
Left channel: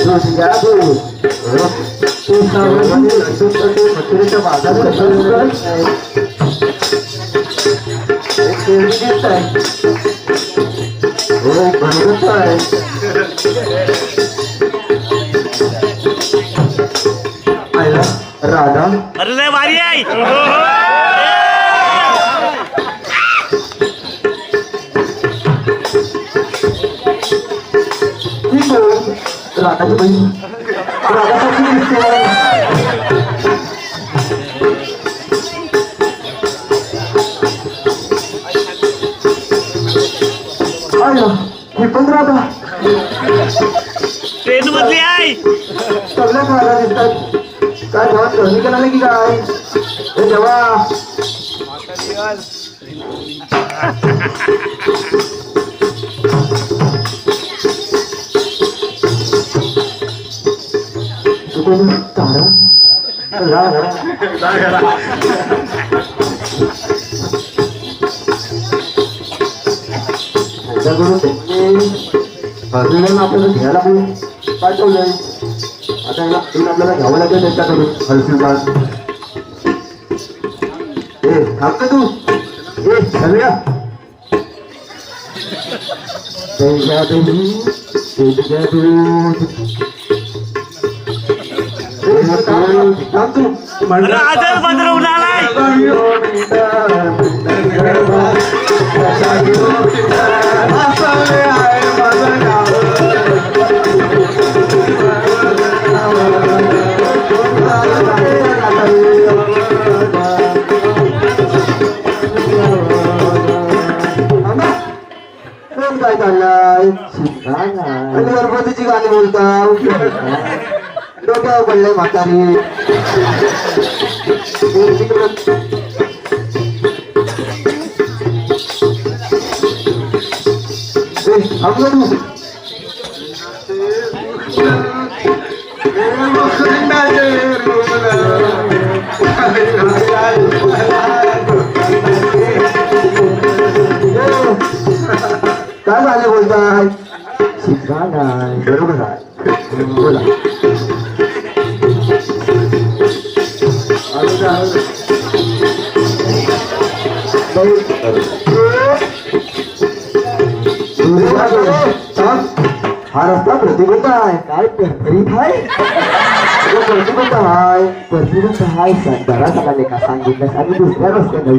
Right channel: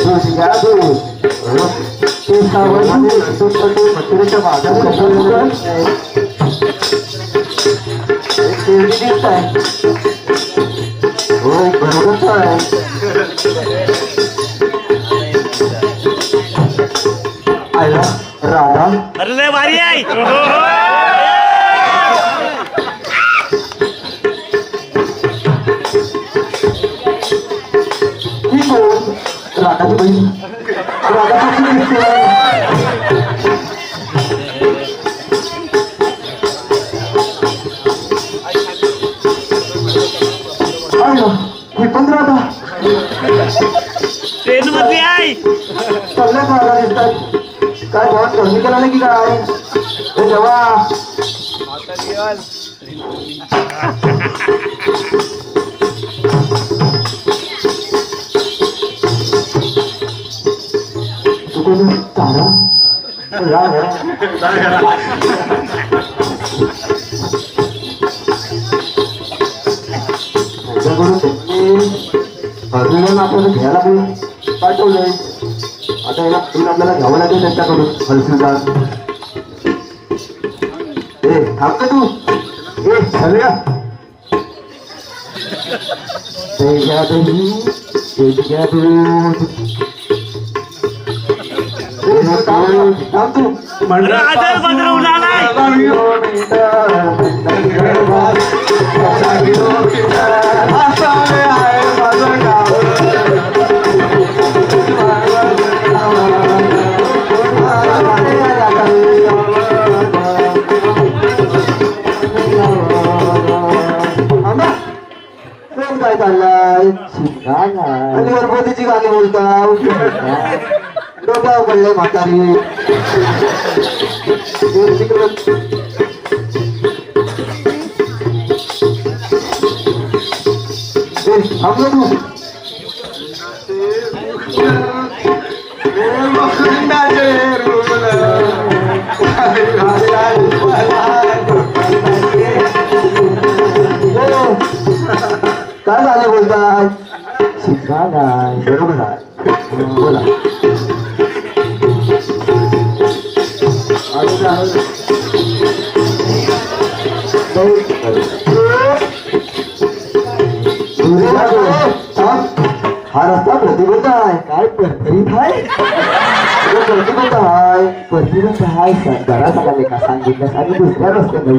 जोडीला दूर तू सावरून मथुरेच्या बाजारात कसं दिसत आहे हो बरोबर आहे. आयला राधा अरे लय भारी आहे. ठीक हो राधाची बहीण राधाची भेटून राधा ट्रेन मधली आहे. सगळे राधा दिसतात काय भाव कमी केला नाही की काय हे देवा आपण घ्यायला पाठवलंय आता याला आपल्याला घ्यावं लागेल त्यांच्याकडून हलसीबाज. ए थांबते तू ए सगळ्या अरे आदर बदलून आलाय. कोण काय चाललाय गणपतीची गाणी बोलता डोक्यावर पडलंय म्हातारी. काय झालं बोलताय शिका नाही बरोबर आहे बोला हा रस्ता प्रतिबंध आहे काय परफरीत आहे प्रतिबंध आहे प्रतिबंध आहे घरात आले का सांगितलं आणि दुसऱ्या रस्त्याने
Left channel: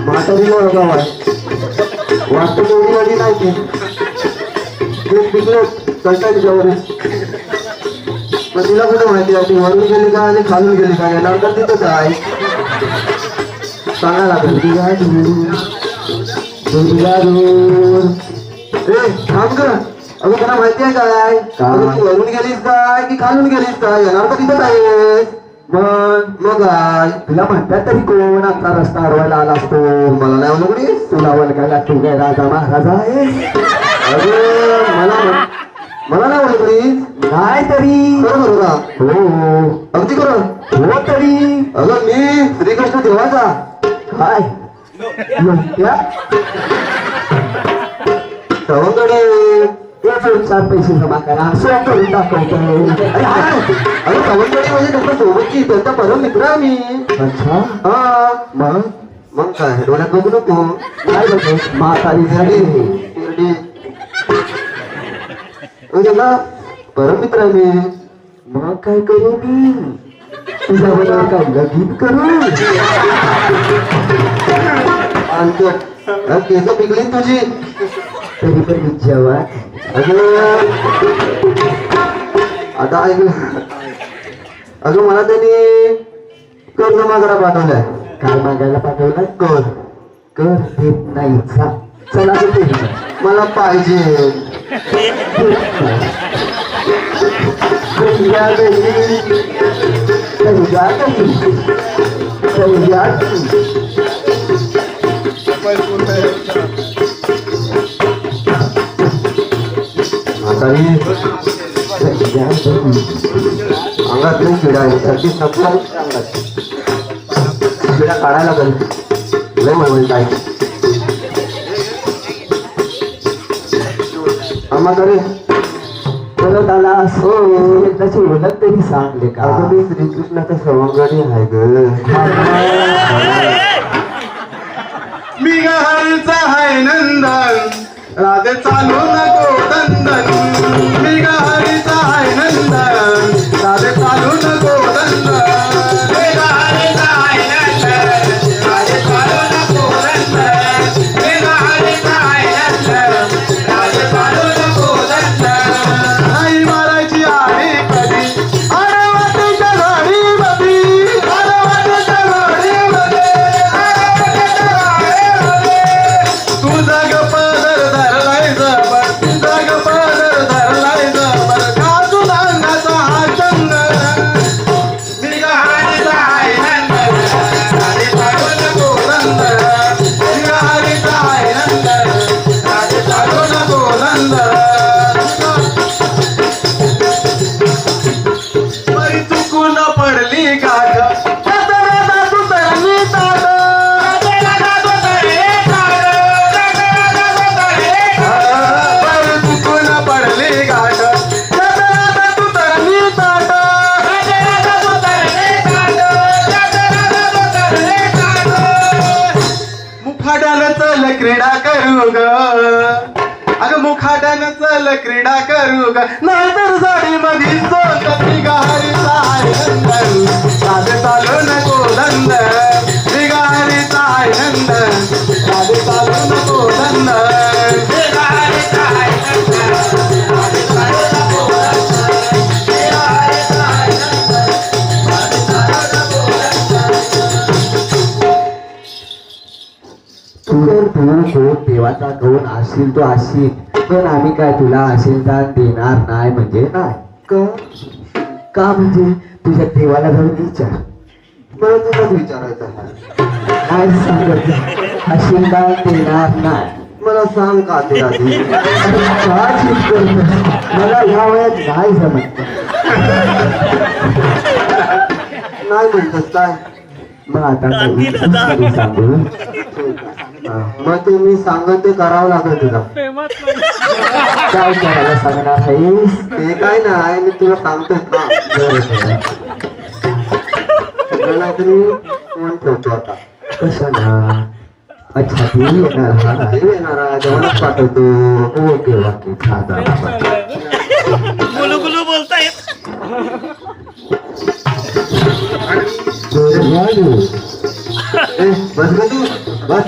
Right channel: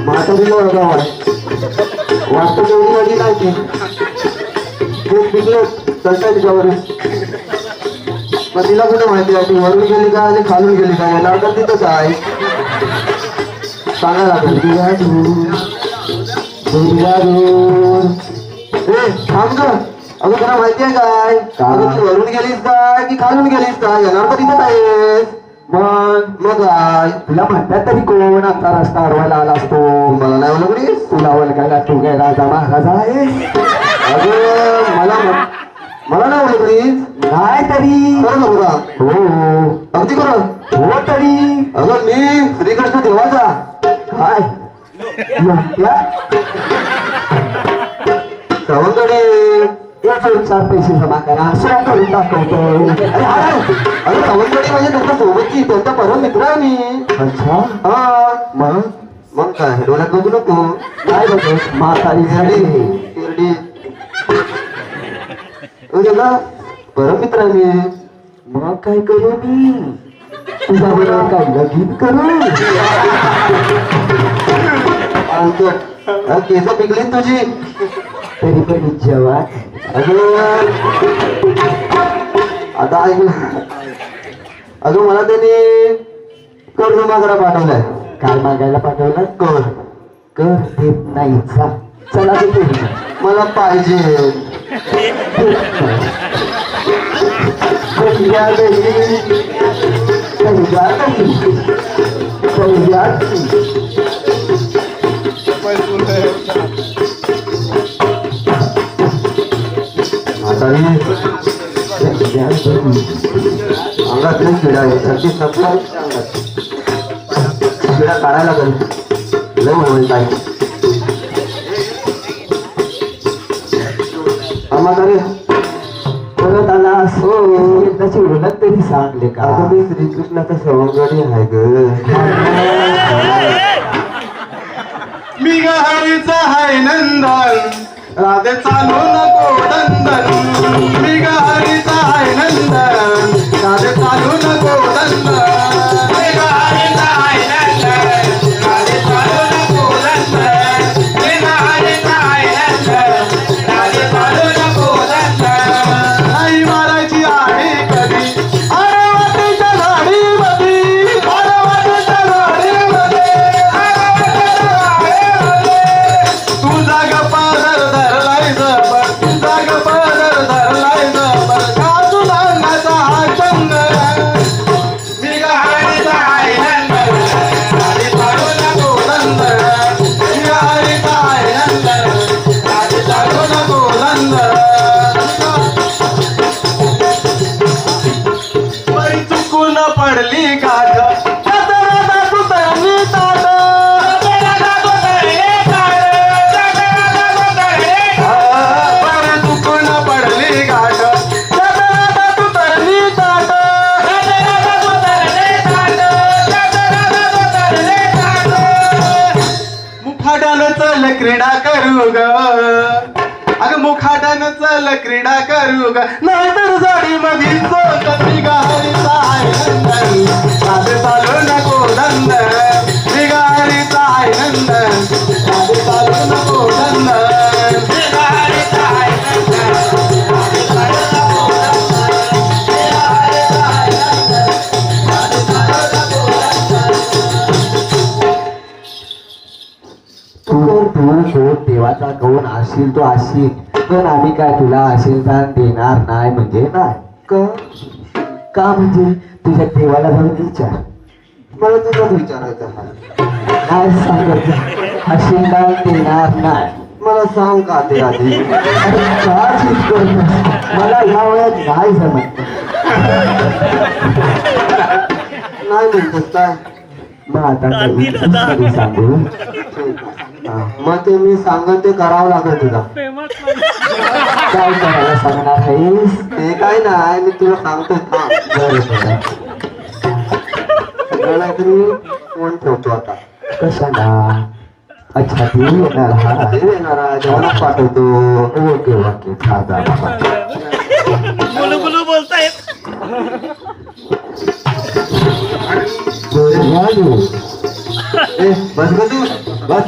म्हातारीला बघा वाटतं तेवढी गाडी नाही ती खूप पिकले कळतात त्याच्यावरून तर तिला कुठे माहिती आहे ती वरून गेली का आणि खालून गेली का येणार तर तिथंच आहे सांगा लागेल अगं तुला माहिती आहे काय अगं तू वरून गेलीस काय की खालून गेलीस काय येणार तर तिथंच आहेस मग काय तुला म्हणतात तरी कोण आता रस्ता अडवायला आला असतो मला नाही ओळखलीस तुला ओळखायला तू काय राजा महाराजा आहे मला नाही ओळखलीस नाही तरी बरोबर का हो अगदी खरं हो तरी अगं मी श्रीकृष्ण देवाचा काय सवंगडे चार पैसे जमा करा असं करून दाखवतो अरे सवंगडे म्हणजे त्याच्या सोबतची त्यांचा परम मित्र आहे मी अच्छा हा मग काय डोळ्यात बघू नको म्हातारी शिर्डी परम मित्र आहे मी मग काय करू मी तुझ्याबरोबर काय लगीन करू केस पिकली तुझी तरी पण जेव्हा आता अजून मला त्यांनी कर जमा करा पाठवलाय काय मागायला पाठवलं कर देत नाही चला देते मला पाहिजे अंगात नाही किडा आहे किडा काढायला पाहिजे लय म्हणून काय रे परत आला असो त्याची ओळख तरी सांगले का अगं मी श्रीकृष्णाचा सर्वगडी आहे ग मी गहाळीचा हाय नंदन राधे चालू नको दंदन मी गहाळीचा हाय नंदन राधे चालू नको दंदन मी गहाळीचा हाय नंदन राधे चालू नको दंदन मी गहाळीचा हाय नंदन राधे चालू नको दंदन नाही मारायची आहे कधी तुझ्या गाडीमध्ये तुझा गपादर धरलायचं तुझा गपादर धरलायचं तुला अंगाचा हा चंग मी गहाळीचा हाय नंदन राधे चालू नको दंदन मी गहाळीचा हाय नंदन राधे चालू नको दंदन बाई चुकून पडली गाठ मुखाड्यानं चल क्रीडा करू ग अगं मुखाड्यानं चल क्रीडा करू ग नाहीतर साडी मध्ये मी गहाळीचा हाय नंदन राधे चालू नको दंदन मी गहाळीचा हाय नंदन राधे चालू नको दंदन मी गहाळीचा हाय नंदन राधे चालू नको दंदन मी गहाळीचा हाय नंदन राधे चालू नको दंदन तू शोध देवाचा कोण असेल तो असेल तर आम्ही काय तुला असेल तर देणार नाही म्हणजे काय का म्हणजे तुझ्या देवाला जाऊन विचार मला तुझाच विचारायचा काय सांगायचं असेल तर देणार नाही मला सांग का ते आधी फार चिंता करतो. मला ह्या वयात नाही जमत नाही म्हणतोस काय मग आता काही सांगू हा, मग ते मी सांगत ते करावं लागेल तुला काय करायला सांगणार नाहीस ते काय नाही मी तुला सांगतो का मला तरी फोन ठेवतो आता कशाला अच्छा तू येणार हा येणार जेवणात पाठवतो ओके ओके खाता गुलू गुलू बोलतायत. बस ग तू बस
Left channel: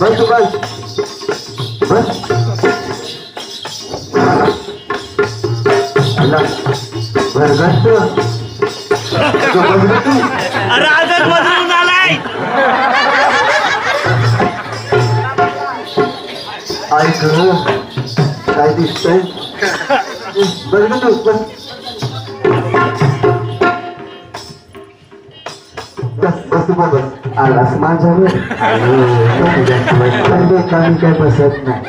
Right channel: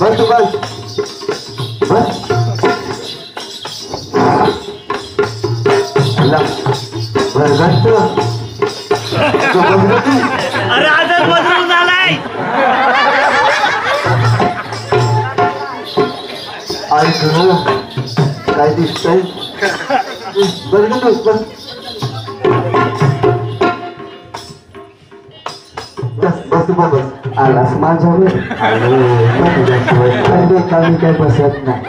बस तू बस बस अरे आजाद बदलून आलाय. ऐक काय दिसतंय बस ग तू बस बस तू बस आलास माझ्यावर काही काय बसत नाही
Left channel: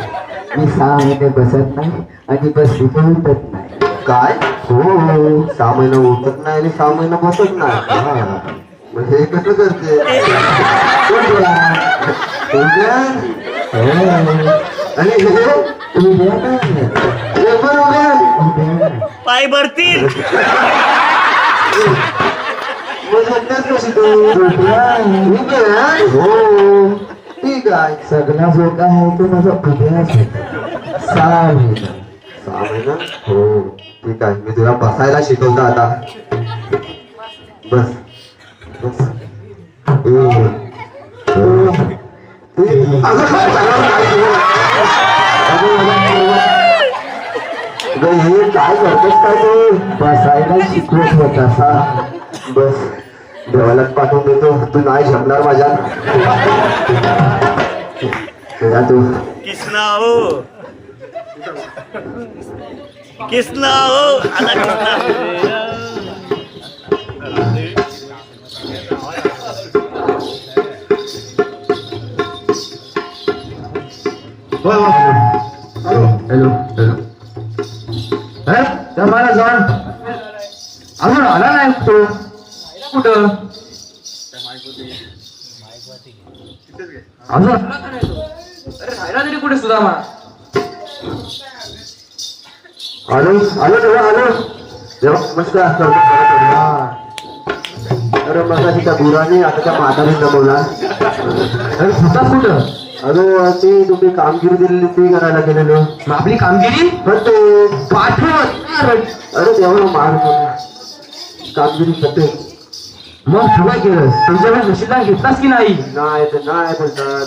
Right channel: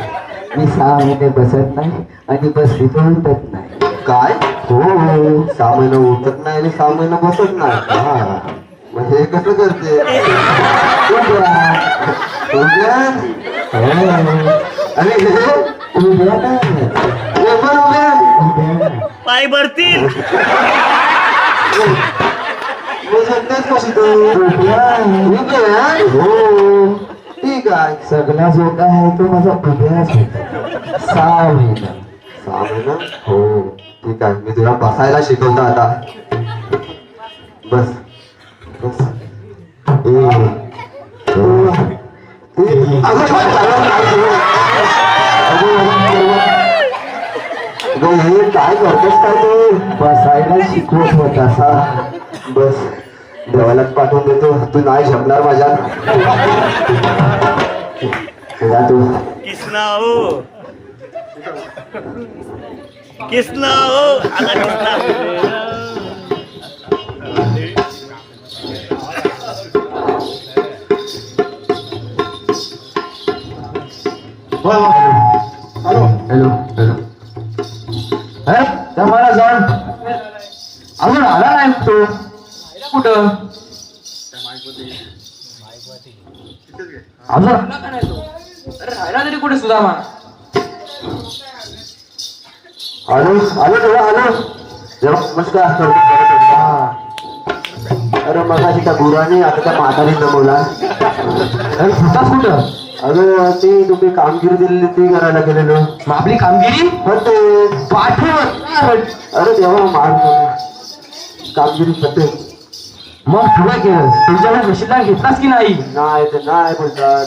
मी 6 महिने बसत नाही आणि बस तिथे उठत नाही काय हो 6 महिने उठत नाही आणि 6 महिने बसत नाही म्हणजे हे कसं करते आणि हे उद्या नाही हे पण उद्या पाय भरतील. ठीक आहे सगळा जो काय आहे तो माझा उद्याच होता 6 महिना 6 महिना हो ठीक आहे मी तुला बसायला शिकवतो आता बस बस हे काय करतेस काय तू बसायला शिकवत होता असा बस डोळ्यात पाठवून देतो तू नाही शकणार माझ्या तू किसना हो किसना हो आला किसना. हॅलो हॅलो मला जाण अजून आला नाही तो कुठं अजून राहिला तरी कुठे सुद्धा आलो आलो तेव्हा आलो जेव्हा नमस्कार करतो अरे मगाशी त्या बुराने आता त्या म्हातारी जमवला आणि सुद्धाच कुठं अरे ते तुम्ही कामगिरी दिलेली ती करायला गेलेलो मग आपली कामगिरी होते पाठवत अरे तेव्हा मार कामगिरी होते मग पुढे केलं तुमच्याकडे निश्चितला घेतलास की नाही नाही ते नाही बोलतात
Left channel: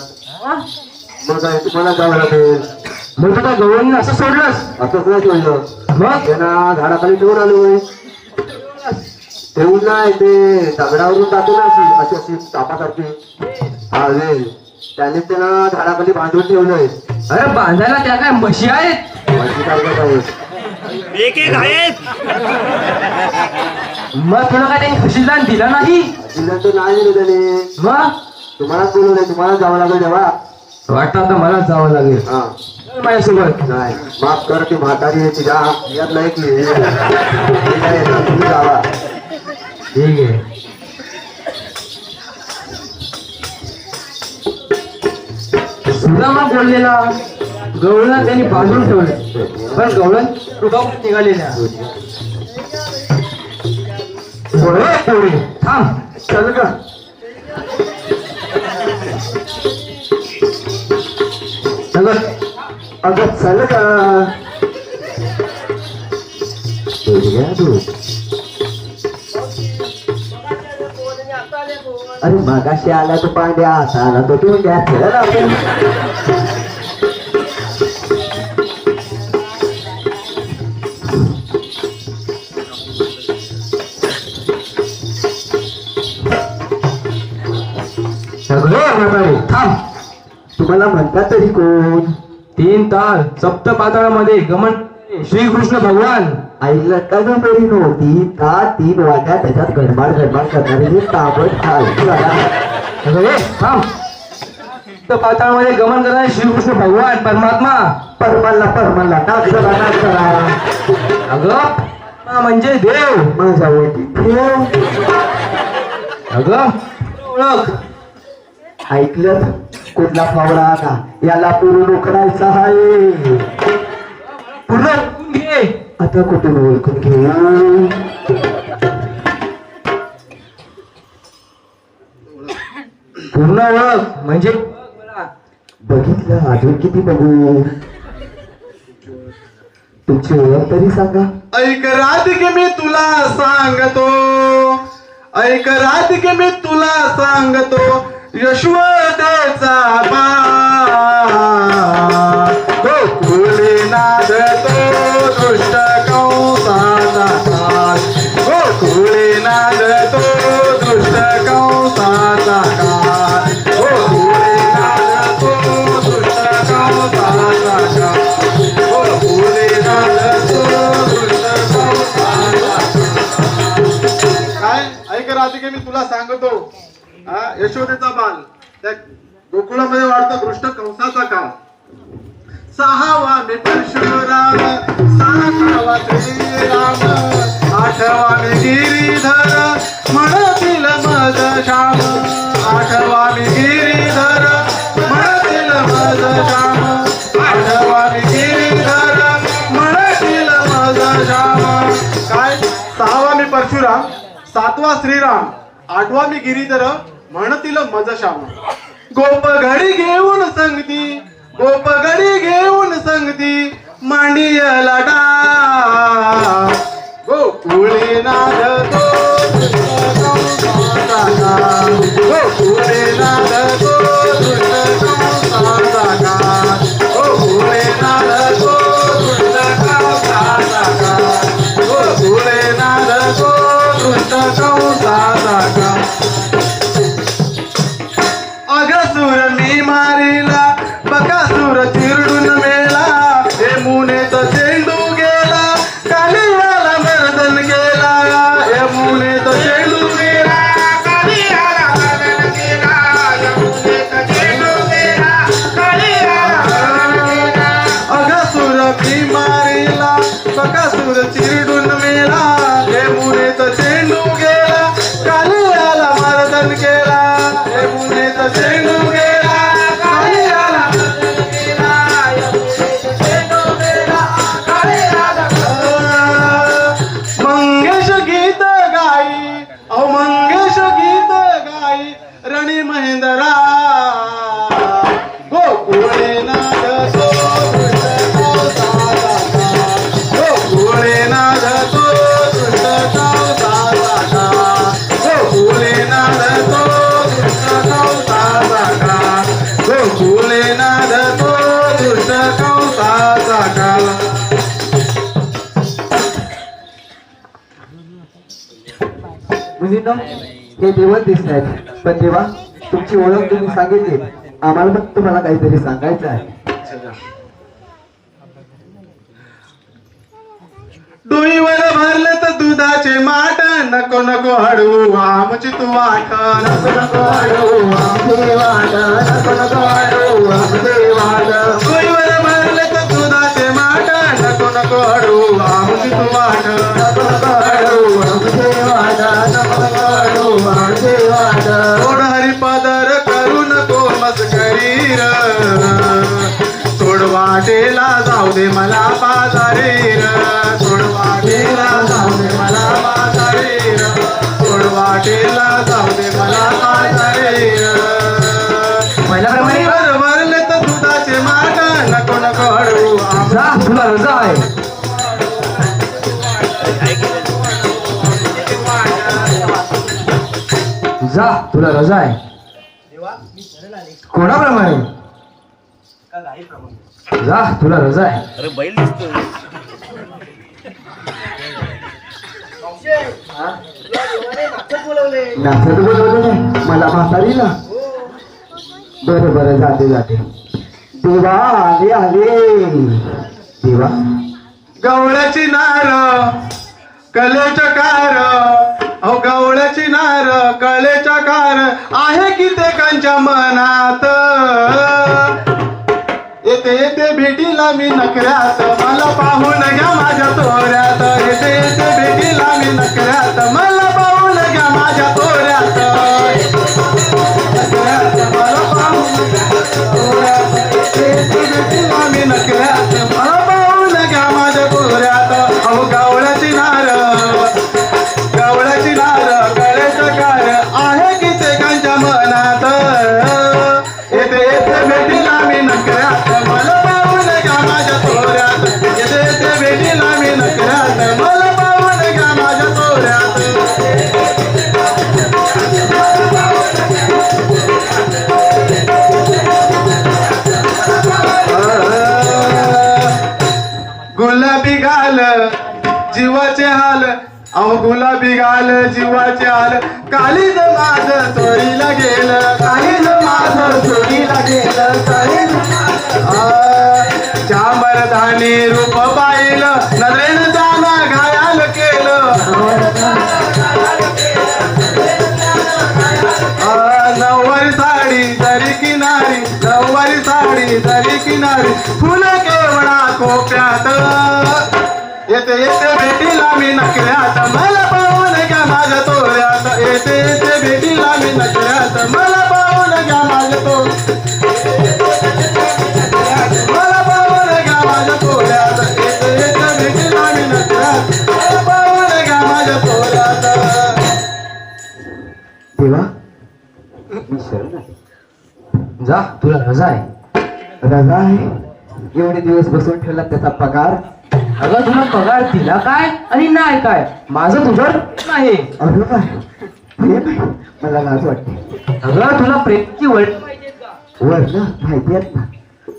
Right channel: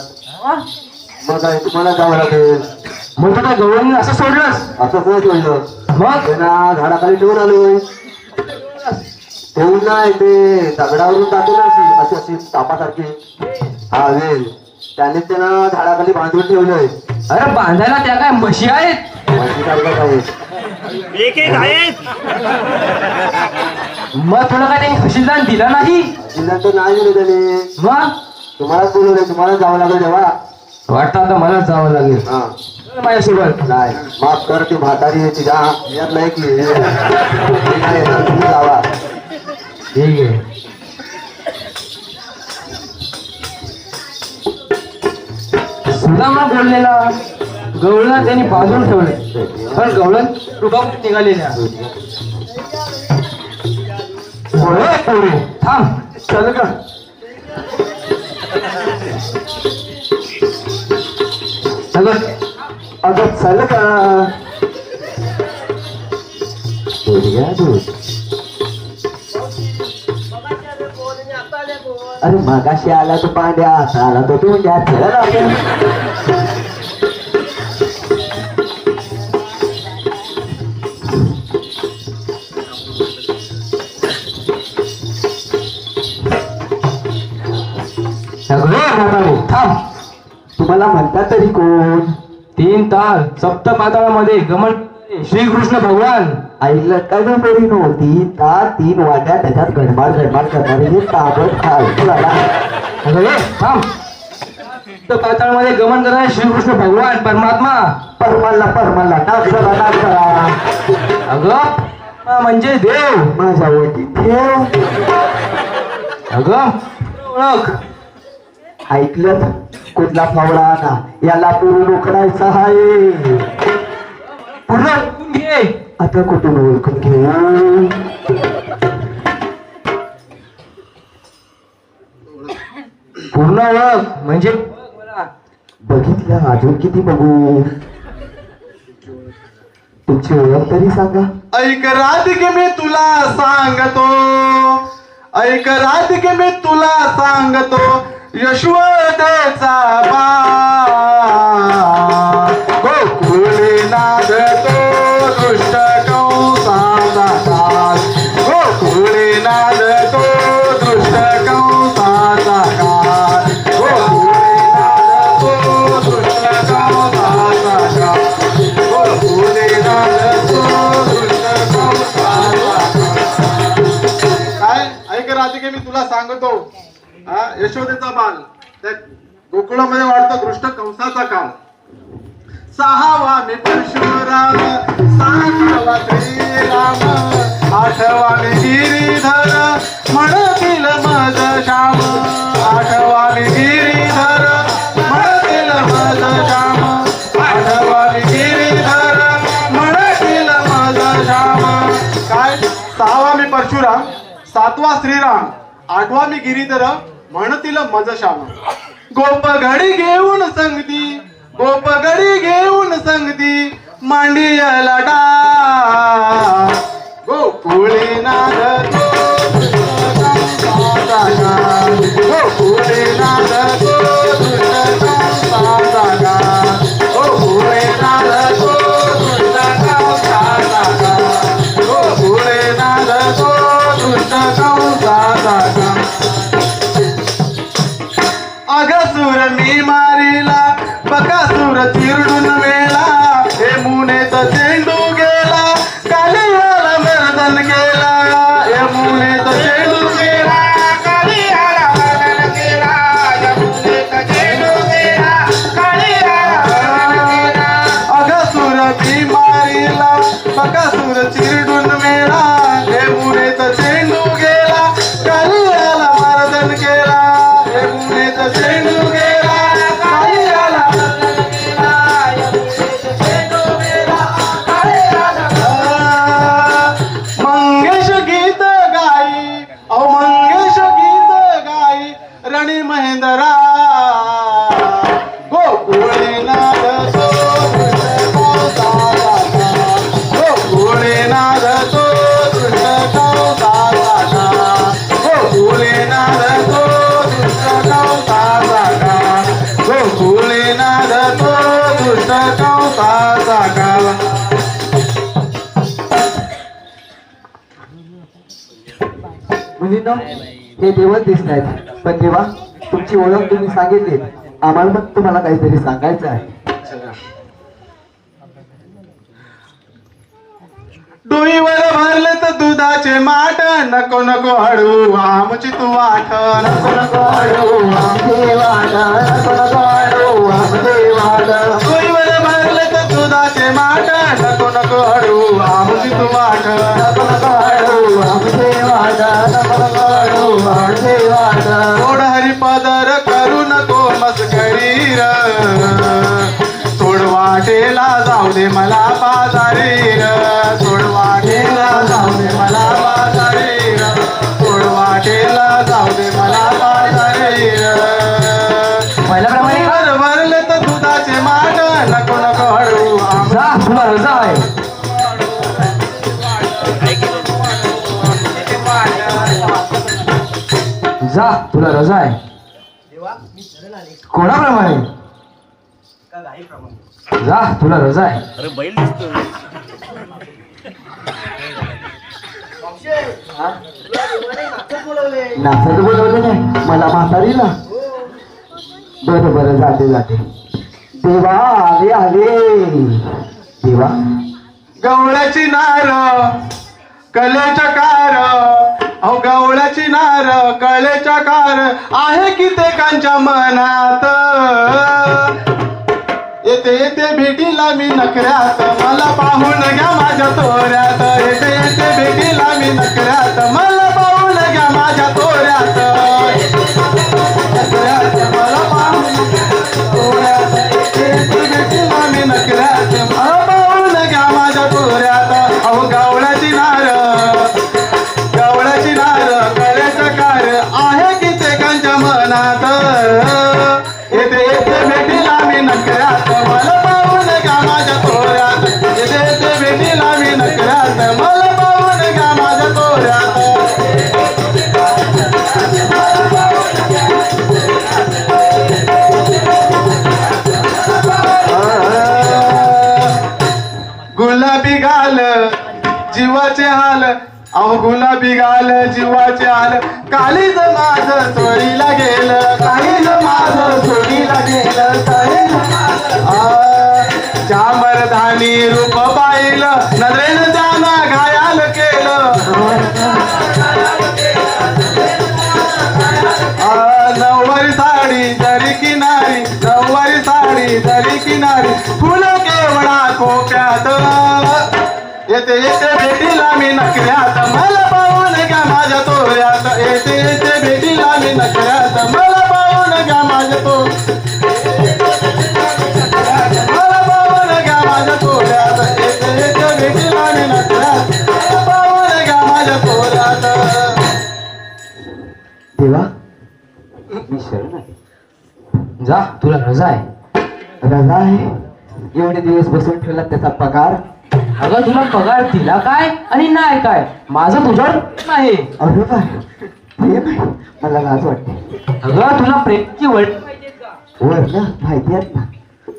मग काय तुम्हाला जावं लागेल मग तुला गवळणी असं सोडलंस असंच नाही सोडलं मग त्यांना झाडाखाली ठेवून आलो ठेवून नाही ते दगडावरून जातो ना अशी अशी तापासारखी हा वेल त्यांनी त्यांना झाडाखाली बांधून ठेवलंय अरे बांधायला त्या काय म्हशी आहेत एक एक आहेत. मग तुला काय त्यांनी तहसीलदार दिला नाही तर नाही दिलं त्याने मग तुम्हालाच बोलवलं तुम्हाला जावं लागेल तेव्हा वाटतं आता मलाच जावं लागेल हा माझ्यासोबत नाही माफ कर ती म्हातारी आहे तिच्या यात नाही की तुम्ही जावा ठीक आहे सुद्धा बोललेला गवळण त्यांनी बांधून ठेवले पण गवळण तुगावून निघालेल्या थांब चल का चल अगं चल का अरे मागाशी आला तो पांड्या असा आला तो ठेवून द्या सगळे थांब तुम्हाला म्हणतात तरी कोण 3 ताल सप्त पाताळामध्ये गमन श्रीकृष्ण भगवान ऐकलं कधी तरी नव्हती ता 3 वाट्या त्याच्यात गडमाड करणारे हे ताबड खायला अरे थांब तो पाताळमध्ये गमन करणारे श्रीकृष्ण भगवान परमात्मा परमाला नाच करा अगं म्हणजे देव माझ्यावरती ठेव. अगं ओळख ऐकलं कुठला फावडा आला याला पूर्ण उकडायचा आहे. पूर्ण ओळखून घे. आता कुठून ओळखून घेऊ. पूर्ण ओळख म्हणजे बघितलं अजून किती बघू. तुमची ओळख तरी सांगा. ऐक राधिके मी तुला सांगतो, ऐक राधिके मी तुला सांगतो, यशोदेचा बाळ गोकुळे नांदतो दुष्ट कंसाचा काळ, गोकुळे नांदतो दुष्ट कंसाचा काळ, गोकुळे नांदतो दुष्ट कंसाचा काळ, गोकुळे नांदतो दुष्ट कंसाचा काळ. काय ऐक राधिके मी तुला सांगतो, यशोदेचा बाल त्या गोकुळामध्ये वाढतो दृष्ट कंसाचा काळ. 6वा मी परशुराम, 7वा श्रीराम, 8वा मी गिरीधर म्हणतील मज श्याम, 8वा मी गिरीधर म्हणतील मज श्याम, 8वा मी गिरीधर म्हणतील मज श्याम. काय 6वा मी परशुराम, 7वा श्रीराम, 8वा मी गिरीधर म्हणतील मज श्याम. गोपगडी घेऊन संगती, गोपगडी घेऊन संगती मांडियला डा गोकुळे नांदतो गोकुळे नांदतो गोकुळे नांदतो गोकुळे नांदतो अगसुर मी मारिला बकासुर चिरडून मेला, हे मुनेचा चेंडू गेला कालियाला मर्दन केला, हे मुनेचा चेंडू गेला कालियाला मर्दन केला, हे मुनेचा चेंडू गेला कालियाला मर्दन केला. अगसुर मी मारिला बकासुर चिरडून मेला, हे मुनेचा चेंडू गेला कालियाला मर्दन केला, हे मुनेचा चेंडू गेला कालियाला मर्दन केला, हे मुनेचा चेंडू गेला कालियाला मंगेश गीत गाई, अहो मंगेश गीत गाई रणी महेंद्रा गोकुळे नांदतो गोकुळे नांदतो गोकुळे नांदतो गोकुळे नांदतो दुष्ट कंसाचा काळ. मुलींना हे देवच दिसत आहेत, पण देवा तुमची ओळख तुम्ही सांगितली, आम्हाला पण तुम्हाला काहीतरी सांगायचं आहे. डोईवर भरले तर दुधाचे माठ, नको नको हळू आमची तू वाट, नको नको हळू आमचे वाट, नको नको हळू आमचे वाट. डोईवर भरले तर दुधाचे माठ, नको नको हळू आमची तू वाट, नको नको हळू आमचे वाट, नको नको हळू आमचे वाट. थोड हरिपदर करू नको मस्करी र, थोड वाटेला जाऊ दे मला पाजारी र, थोड वाटेला जाऊ दे मला पाजारी र, थोड वाटेला जाऊ दे मला पाजारी र. पहिल्याप्रमाणे भरले तर दुधाचे माठ, नको नको हळू जा तुला रजा आहे. जा तुला रजा आहे. देवा मी शरण आले कोणाप्रमाणे का गाईप्रमाणे. जा तुला रजा आहे. अरे बैल दिसतोय. मावशे, तुला देवाने नाचत बोलवले. नाचत बोलवलं नाही मला म्हातारीला. हो बरं बरं जाते जाते. देवा आले आले. देवा गवळ्याची नार कलेच्या कार, अहो गवळ्याची नार कलेच्या कार आहे कित्येकांच्या मनात. येते येते भेटीला मी नकऱ्यात, मला पाहून घ्या माझ्या तोऱ्यात. येते येते भेटीला मी नकऱ्यात, मला पाहून घ्या माझ्या तोऱ्यात. मला पाहून घ्या तोऱ्यात. येते येते भेटीला मी नकऱ्यात, मला पाहून घ्या माझ्या तोऱ्यात. अहो गवळ्याची नार कलेच्या कार आहे कित्येकांच्या मनात. येते येते भेटीला मी नकऱ्यात, मला पाहून घ्या माझ्या तोऱ्यात. येते येते भेटीला मी नकऱ्यात, मला पाहून घ्या माझ्या तोऱ्यात. गुलाबी गाल जीवाचे हाल, अहो गुलाबी गाल जीवाचे हाल. काळीज माझं चोरीला गेलं, काळीज माझं चोरीला गेलं. चामरधानी रूप पाहिलं, नजरेनं त्यानं घायाल केलं. नववारी साडी जरी किनारी, नववारी साडी जरी किनारी, फुलं केवळा कोक्यात. येते येते भेटीला मी नकऱ्यात, मला पाहून घ्या माझ्या तोऱ्यात. येते येते भेटीला मी नकऱ्यात, मला पाहून घ्या माझ्या तोऱ्यात. मला पाहून घ्या माझ्या तोऱ्यात. येते येते भेटीला मी नकऱ्यात, मला पाहून घ्या माझ्या तोऱ्यात. देवा मी शरण आहे. जा, तुला रजा आहे. रजा आहे? एवढे दिवस बसवून ठेवला त्याचा पगार. अगं तुला पगार दिला काय आणि नाही काय, माझं तुझ्यावर प्रेम आहे. अगं काय हे काय, मला लाज वाटते. अगं तुला प्रेमची वळण पाहिजेत का? वर्ण माहिती आहेत ना,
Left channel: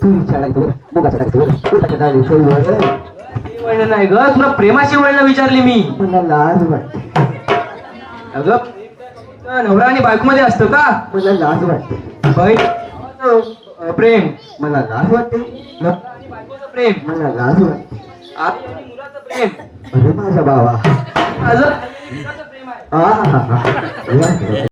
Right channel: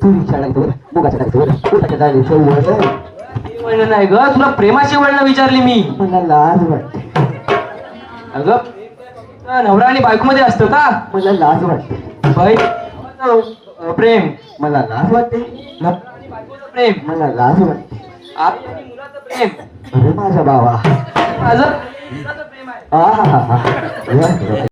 तू विचारायचं मुगाचं टाकायचं वळण नाही ग, तुला प्रेमाची वळण विचारली मी. मला लाज वाटते. अगं प्रेम नवरा आणि बायको मध्ये असतं का? मला लाज वाटते. प्रेम मला लाज वाटते. नवरा आणि बायकोचं प्रेम, मला लाज वाटते. आई आणि मुलाचं प्रेम, अरे माझा बाबा माझं मुलाचं प्रेम आहे. आ